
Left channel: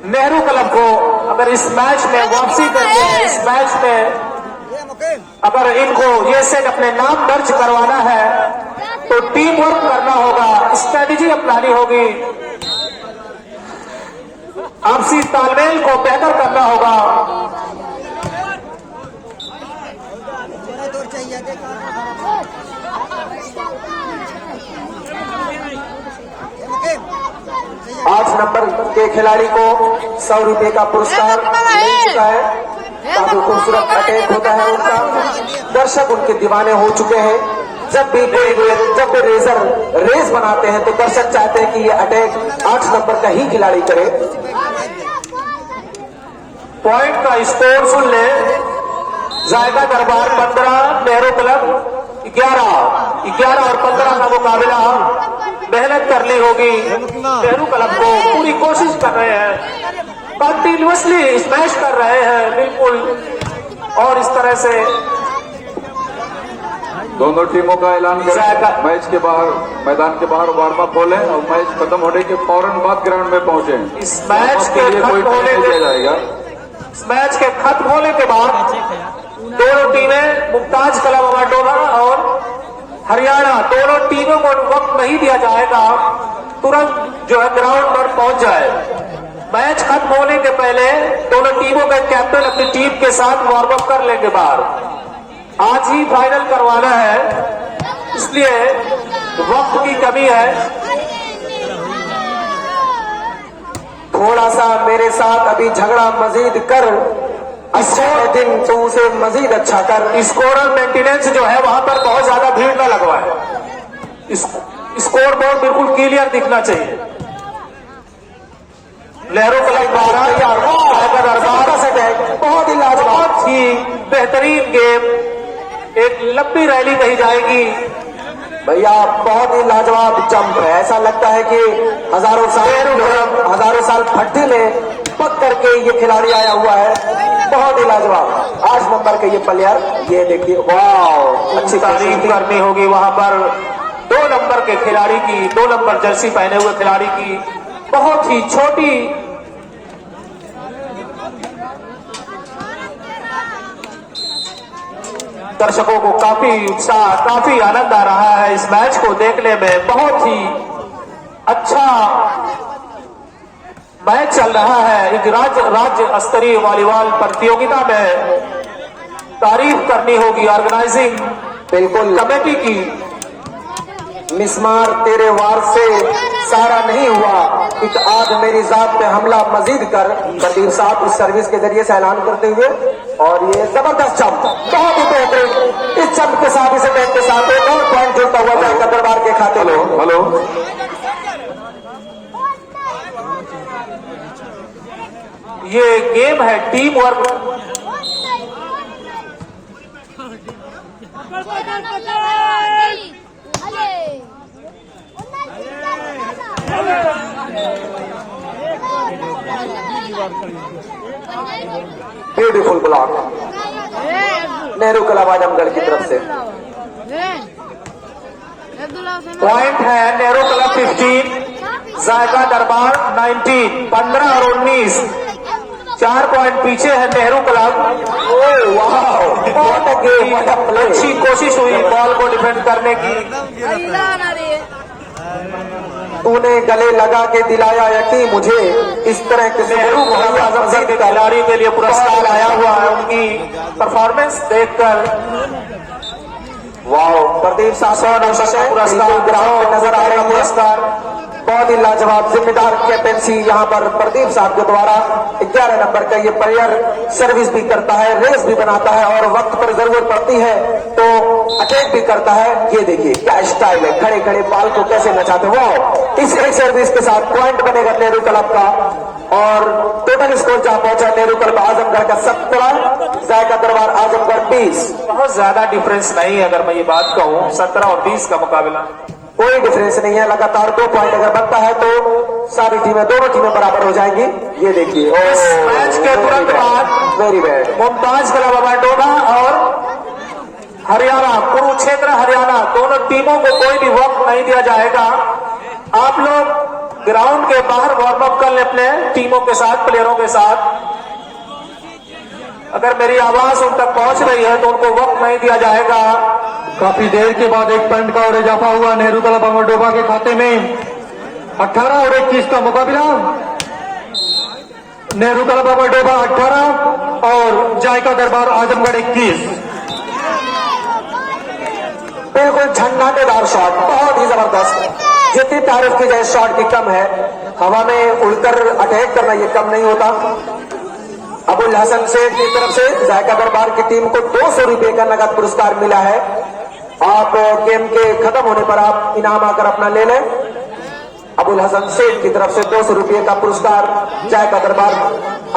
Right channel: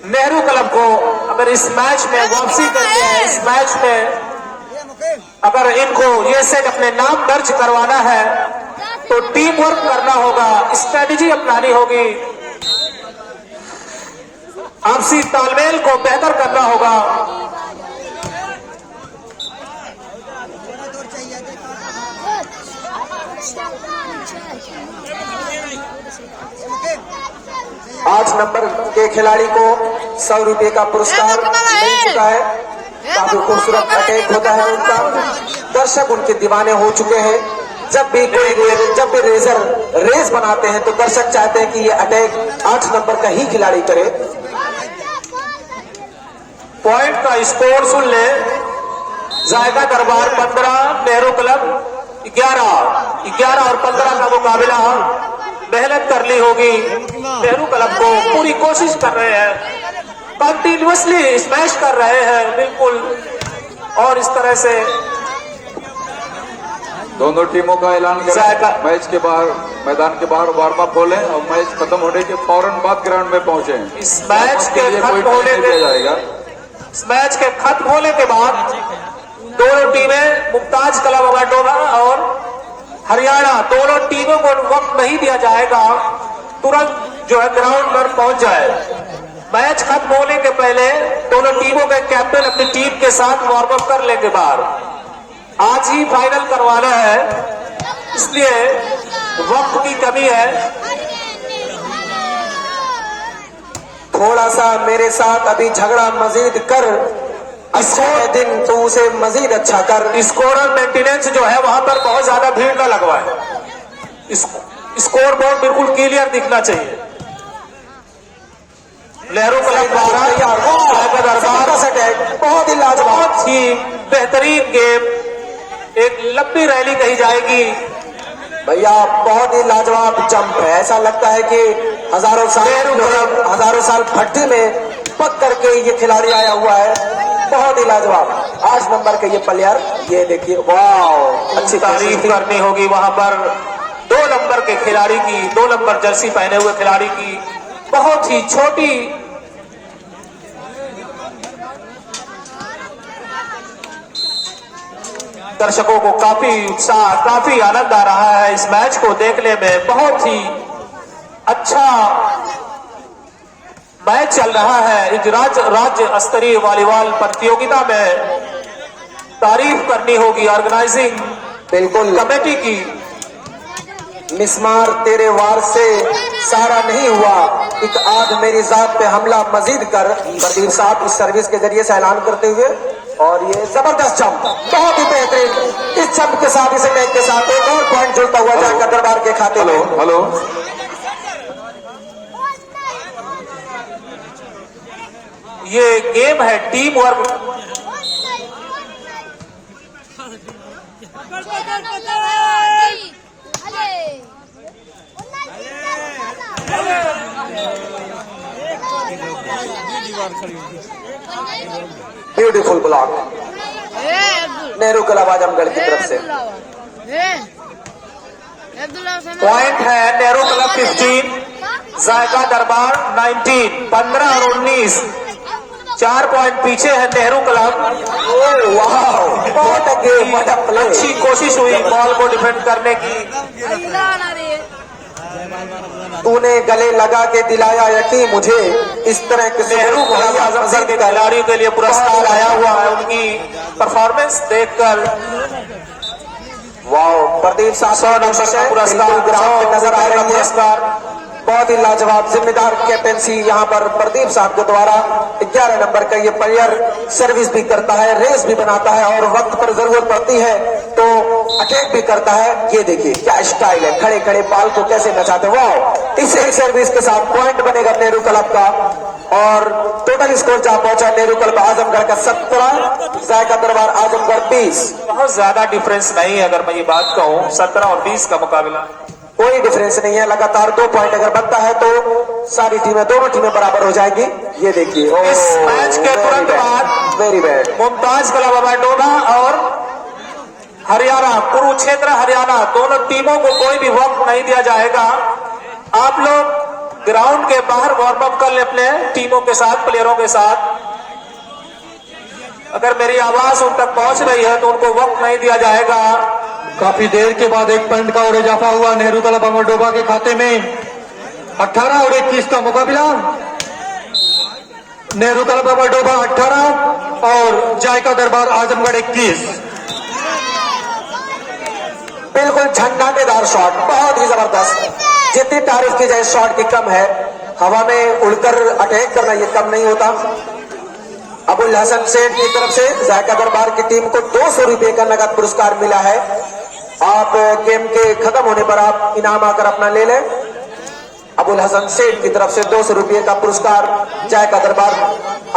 नेहरू क्लब को अगर इस मैच में वापसी करनी है, इस मैच में अगर इनको ये सेट अपने नाम दर्ज करवाना है, तो टीम वर्क करना होगा, स्ट्रेटेजी अपनानी होगी, आपसी तालमेल को बेहतर करना होगा। आज नंबर के खिलाड़ी को 100 रुपए का पुरस्कार मिल चुका है। काफी खूबसूरत अटैक होता है उनका, दर्शक उनके दीवाने हो चुके हैं। जब भी रेस बनाते हैं तो दर्शक चाहते हैं कि ये अटैक 8 नंबर का ही खिलाड़ी करे। पॉइंट का स्कोर सुन ले। जायका दरबार 15, नेहरू क्लब 11 और 15 का मुकाबला। मेहनत करनी होगी नेहरू क्लब को, पूरी कोशिश कर रहे हैं, कंटिन्यूअसली स्मैश कर रहे हैं बिल्कुल। और इस तरह से दोनों टीमों का ऐलान करें। मैच के बाहर, मैदान के बाहर वार्म अप खोलें और मैच खत्म होने के फौरन बाद ग्राउंड में पहुंचे। इस मैच के खत्म होने के बाद दोनों टीमें, मुमताज क्लब अमाडोना और हरियाणा, दोनों टीमों को वक्त नहीं दिया जाएगा, तुरंत जो है ग्राउंड पर पहुंच जाए। मैच खत्म होने के पहले दोनों टीमों के कैप्टन अपनी टीम के साथ वार्म अप कर लेंगे बाहर। आज ही फाइनल करवाना है, इसलिए वक्त की कमी है। थोड़ा सा मेरे साथ अभी झगड़ा मजीद कर, अच्छे दिन तो उसे मजीद अच्छा कर। स्कोर और मेंटेनेंस जो है वहां पर बहुत ज्यादा भीड़ ना लगवाए। स्कोर बोर्ड बिल्कुल क्लियर दिखना चाहिए। नेहरू क्लब बहुत ही लाजवाब ही बेहतरीन गेम, एक लंबी रैली कही जाएगी भैया। बहुत ही लाजवाब जंप है, ऐसा लगता है कि हजारों साल भट्टी में पक करके ये खिलाड़ी आया हुआ है। बहुत ही लाजवाब 8 नंबर के ये प्लेयर, ये देखिए, वाह, अच्छी तारीफ करनी होगी वहां पर 2 नंबर के खिलाड़ी की, 2 नंबर जर्सी पहने हुए खिलाड़ी की। बहुत ही छोटी दर्शकों को काफी आनंद आ रहा है इस मैच को देखने में। बहुत ही अच्छा मैच चल रहा है। इस राज्य स्तरीय वॉलीबॉल प्रतियोगिता में तारीफ करनी होगी ऑर्गेनाइजिंग बिल्कुल कमेटी की। मिसमार तेरे वार से सारा नहीं हुआ, इत आज मेरी जात पे हमला मजीद कर। कबीर साहब इस सर्विस के जरिए से ऐलान करते हुए, और ये जबरदस्त जंप, बहुत ही बेहतरीन। इस जंप के साथ इसे मैच के साथ 9 पॉइंट जुड़ता हुआ जाएगा दरबार के खाते में। हेलो, ये गेम है team work. Beautiful block Nehru club Azamgarh की तरफ से। पॉइंट है नेहरू क्लब 15, जायका दरबार 19, 15 और 19, 4 पॉइंट पीछे है नेहरू क्लब। अच्छी कोशिश हुई बॉल को डिफेंड करने की। तूने गले लगा के दिलाया यकीन मुझे, इस तरह के नेहरू भाई आजम सिंह के खिलाड़ियों के लिए पुरस्कार आया हुआ है। उनकी परफॉर्मेंस देखकर वाह, प्रदीप शासन पुरस्कार ग्राउंड में नजर आ रही है। इसका बहुत ही लाजवाब जिम्मेदार कैप्टनसी यहाँ पर प्रदीप साहब के द्वारा 11 नंबर का ये प्लेयर सर्विस भी करता है, रेस भी बनाता है और वक्त पर जरूरत पड़ती है तो अटैक भी करता है। ये देखिए क्या स्टाइल है, खड़े खड़े बाल को कैसे नचाते हैं। वाह, इस एक सर्विस के साथ पॉइंट बनेगा नेहरू क्लब का और टोटल स्कोर जहां पहुंचा नेहरू क्लब आजमगढ़ का 17, जायका दरबार आजमगढ़ 20। बहुत ज्यादा डिफरेंस नहीं है। अगर मैं ये बात कहूँ 17 और 20 का मुकाबला कोई डिफरेंस नहीं है। लगातार 2 पॉइंट अगर बनता है तो सारी टीमें, दोनों टीमें बराबर हो जाएंगी। ये देखिए इस मैच के तुरंत बाद वेरी बैड मुमताज क्लब अबाडोबा और हरियाणा, कुरुक्षेत्र हरियाणा, दोनों टीमों को कोई भी वक्त नहीं दिया जाएगा। आप लोग ग्राउंड के बाहर वार्म अप कर ले अपने टीमों के साथ, प्लेयरों के साथ। अगर मेरी आवाज उन तक पहुंच रही है तो उनको वक्त नहीं दिया जाएगा। काफी देर के बाद एक पॉइंट का और इजाफा हुआ नेहरू क्लब अबाडोबा के खाते में। 18 और 21 का मुकाबला, नेहरू क्लब अबाडोबा 18 और जायका दरबार आजमगढ़ 21। बिल्कुल झंझाटेदार शॉट, बहुत ही जबरदस्त। जितनी तारीफ की जाए शॉट की कम है। हवा में उड़कर अटैक करना ये कम नहीं होता। अबुल हसन सेठ की तरफ से जायका दरबार की टीम को 200 रुपए का नगद पुरस्कार मिला है। आप गेम के खत्म होने पर आप इनाम आकर अपना ले लें। अबुल हसन सेठ की तरफ से 200 रुपए का पुरस्कार जायका दरबार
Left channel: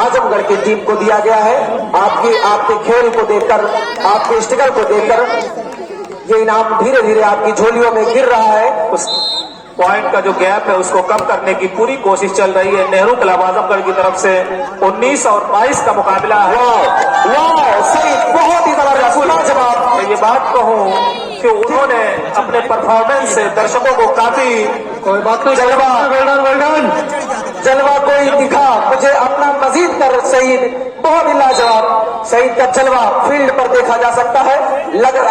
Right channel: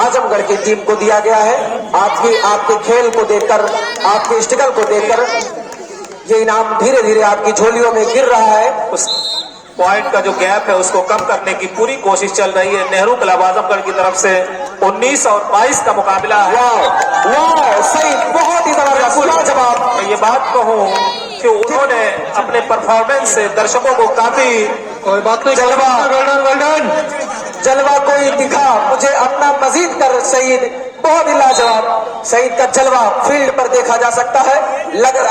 आजमगढ़ की टीम को दिया गया है। आपके खेल को देखकर, आपके स्टिकर को देखकर ये इनाम धीरे धीरे आपकी झोलियों में गिर रहा है। उस पॉइंट का जो गैप है उसको कम करने की पूरी कोशिश चल रही है नेहरू क्लब आजमगढ़ की तरफ से। 19 और 22 का मुकाबला है। सही, बहुत ही जबरदस्त जवाब। मैं ये बात कहूँ कि उन्होंने अपने परफॉर्मेंस से दर्शकों को काफी कोई बात नहीं, जलवा कोई दिखा मुझे अपना मजीद कर शहीद, बहुत ही लाजवाब। शहीद का जलवा फील्ड पर देखा जा सकता है।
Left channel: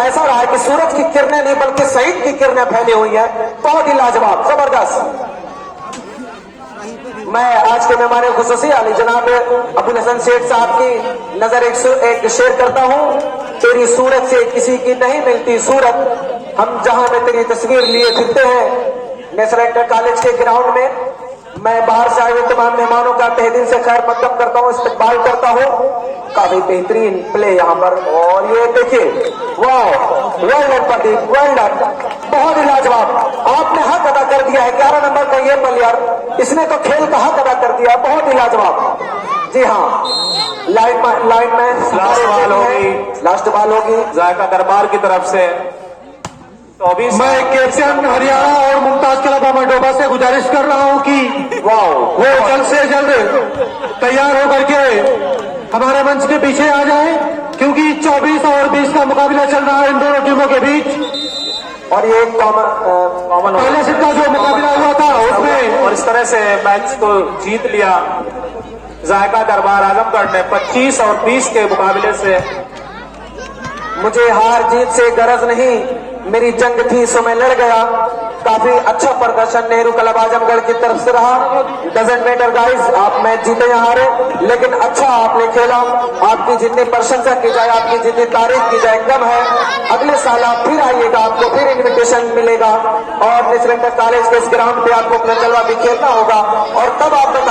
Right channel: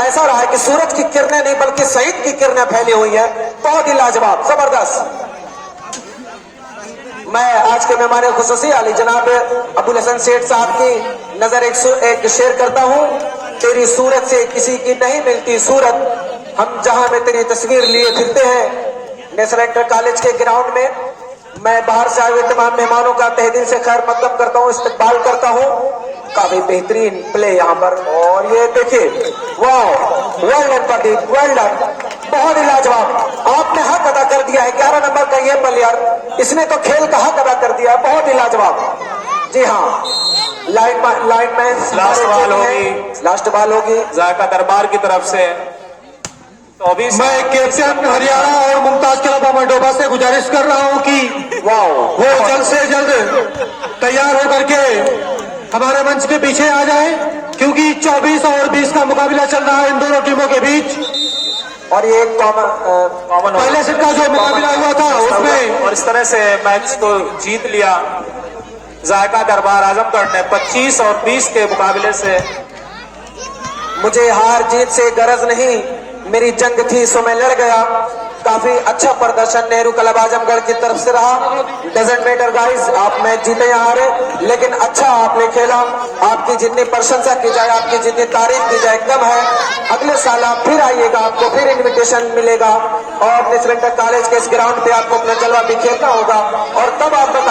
ऐसा रहा है कि सूरज की किरणें नहीं बल्कि शहीद की किरणें फैली हुई है। बहुत ही लाजवाब, जबरदस्त। मैं आज के मेहमान खुसूसी अली जनाब अबुल हसन सेठ साहब की नजर एक शेयर करता हूँ। तेरी सूरत से किसी की नहीं मिलती सूरत, हम जहां में तेरी तस्वीर लिए फिरते हैं। नेशनल इंटर कॉलेज के ग्राउंड में मैं बाहर से आए हुए तमाम मेहमानों का तहे दिल से खैर मकदम करता हूँ, इस्तकबाल करता हूँ। काफी बेहतरीन प्ले यहाँ पर। और ये देखिए, वाह, वर्ल्ड प्रदीप, वर्ल्ड, बहुत ही लाजवाब। आपने हक अदा कर दिया है। 11 नंबर का ये प्लेयर, इसने तो खेल का हक अदा कर दिया, बहुत ही लाजवाब। जी हाँ, लाइन में लास्ट बॉल होगी जायका दरबार की तरफ से। तो अभी मैं कैप्टन हरियाणा और मुमताज क्लब अबाडोबा से गुजारिश कर रहा हूं कि वो जल्द से जल्द तैयार होकर के हमारे मंच के पीछे आ जाए, क्योंकि 24 और 20 का मुकाबला चल रहा है इन दोनों टीमों के बीच। और ये कॉमन पहले से का जो मुकाबला हुआ था उसमें, और इस तरह से मैच को जीत लिया जायका दरबार आजमगढ़ ने 25 और 20 के मुकाबले से। मुझे हार जीत से गरज नहीं, मेरी जंग थी सो मैं लड़ गया। काफी अच्छा प्रदर्शन नेहरू क्लब आजमगढ़ की तरफ से रहा। डजंट मैटर गाइस, आप मैच जीते या हारे, लेकिन अच्छा आपने खेला। आपकी जितनी प्रशंसा की जाए, आपकी जितनी तारीफ की जाए कम है। अगले साल आप फिर आइएगा, आपको फिर इन्विटेशन मिलेगा और नेशनल इंटर कॉलेज के इस ग्राउंड पे आपको अपना जलवा भी खेलना होगा और तब आपको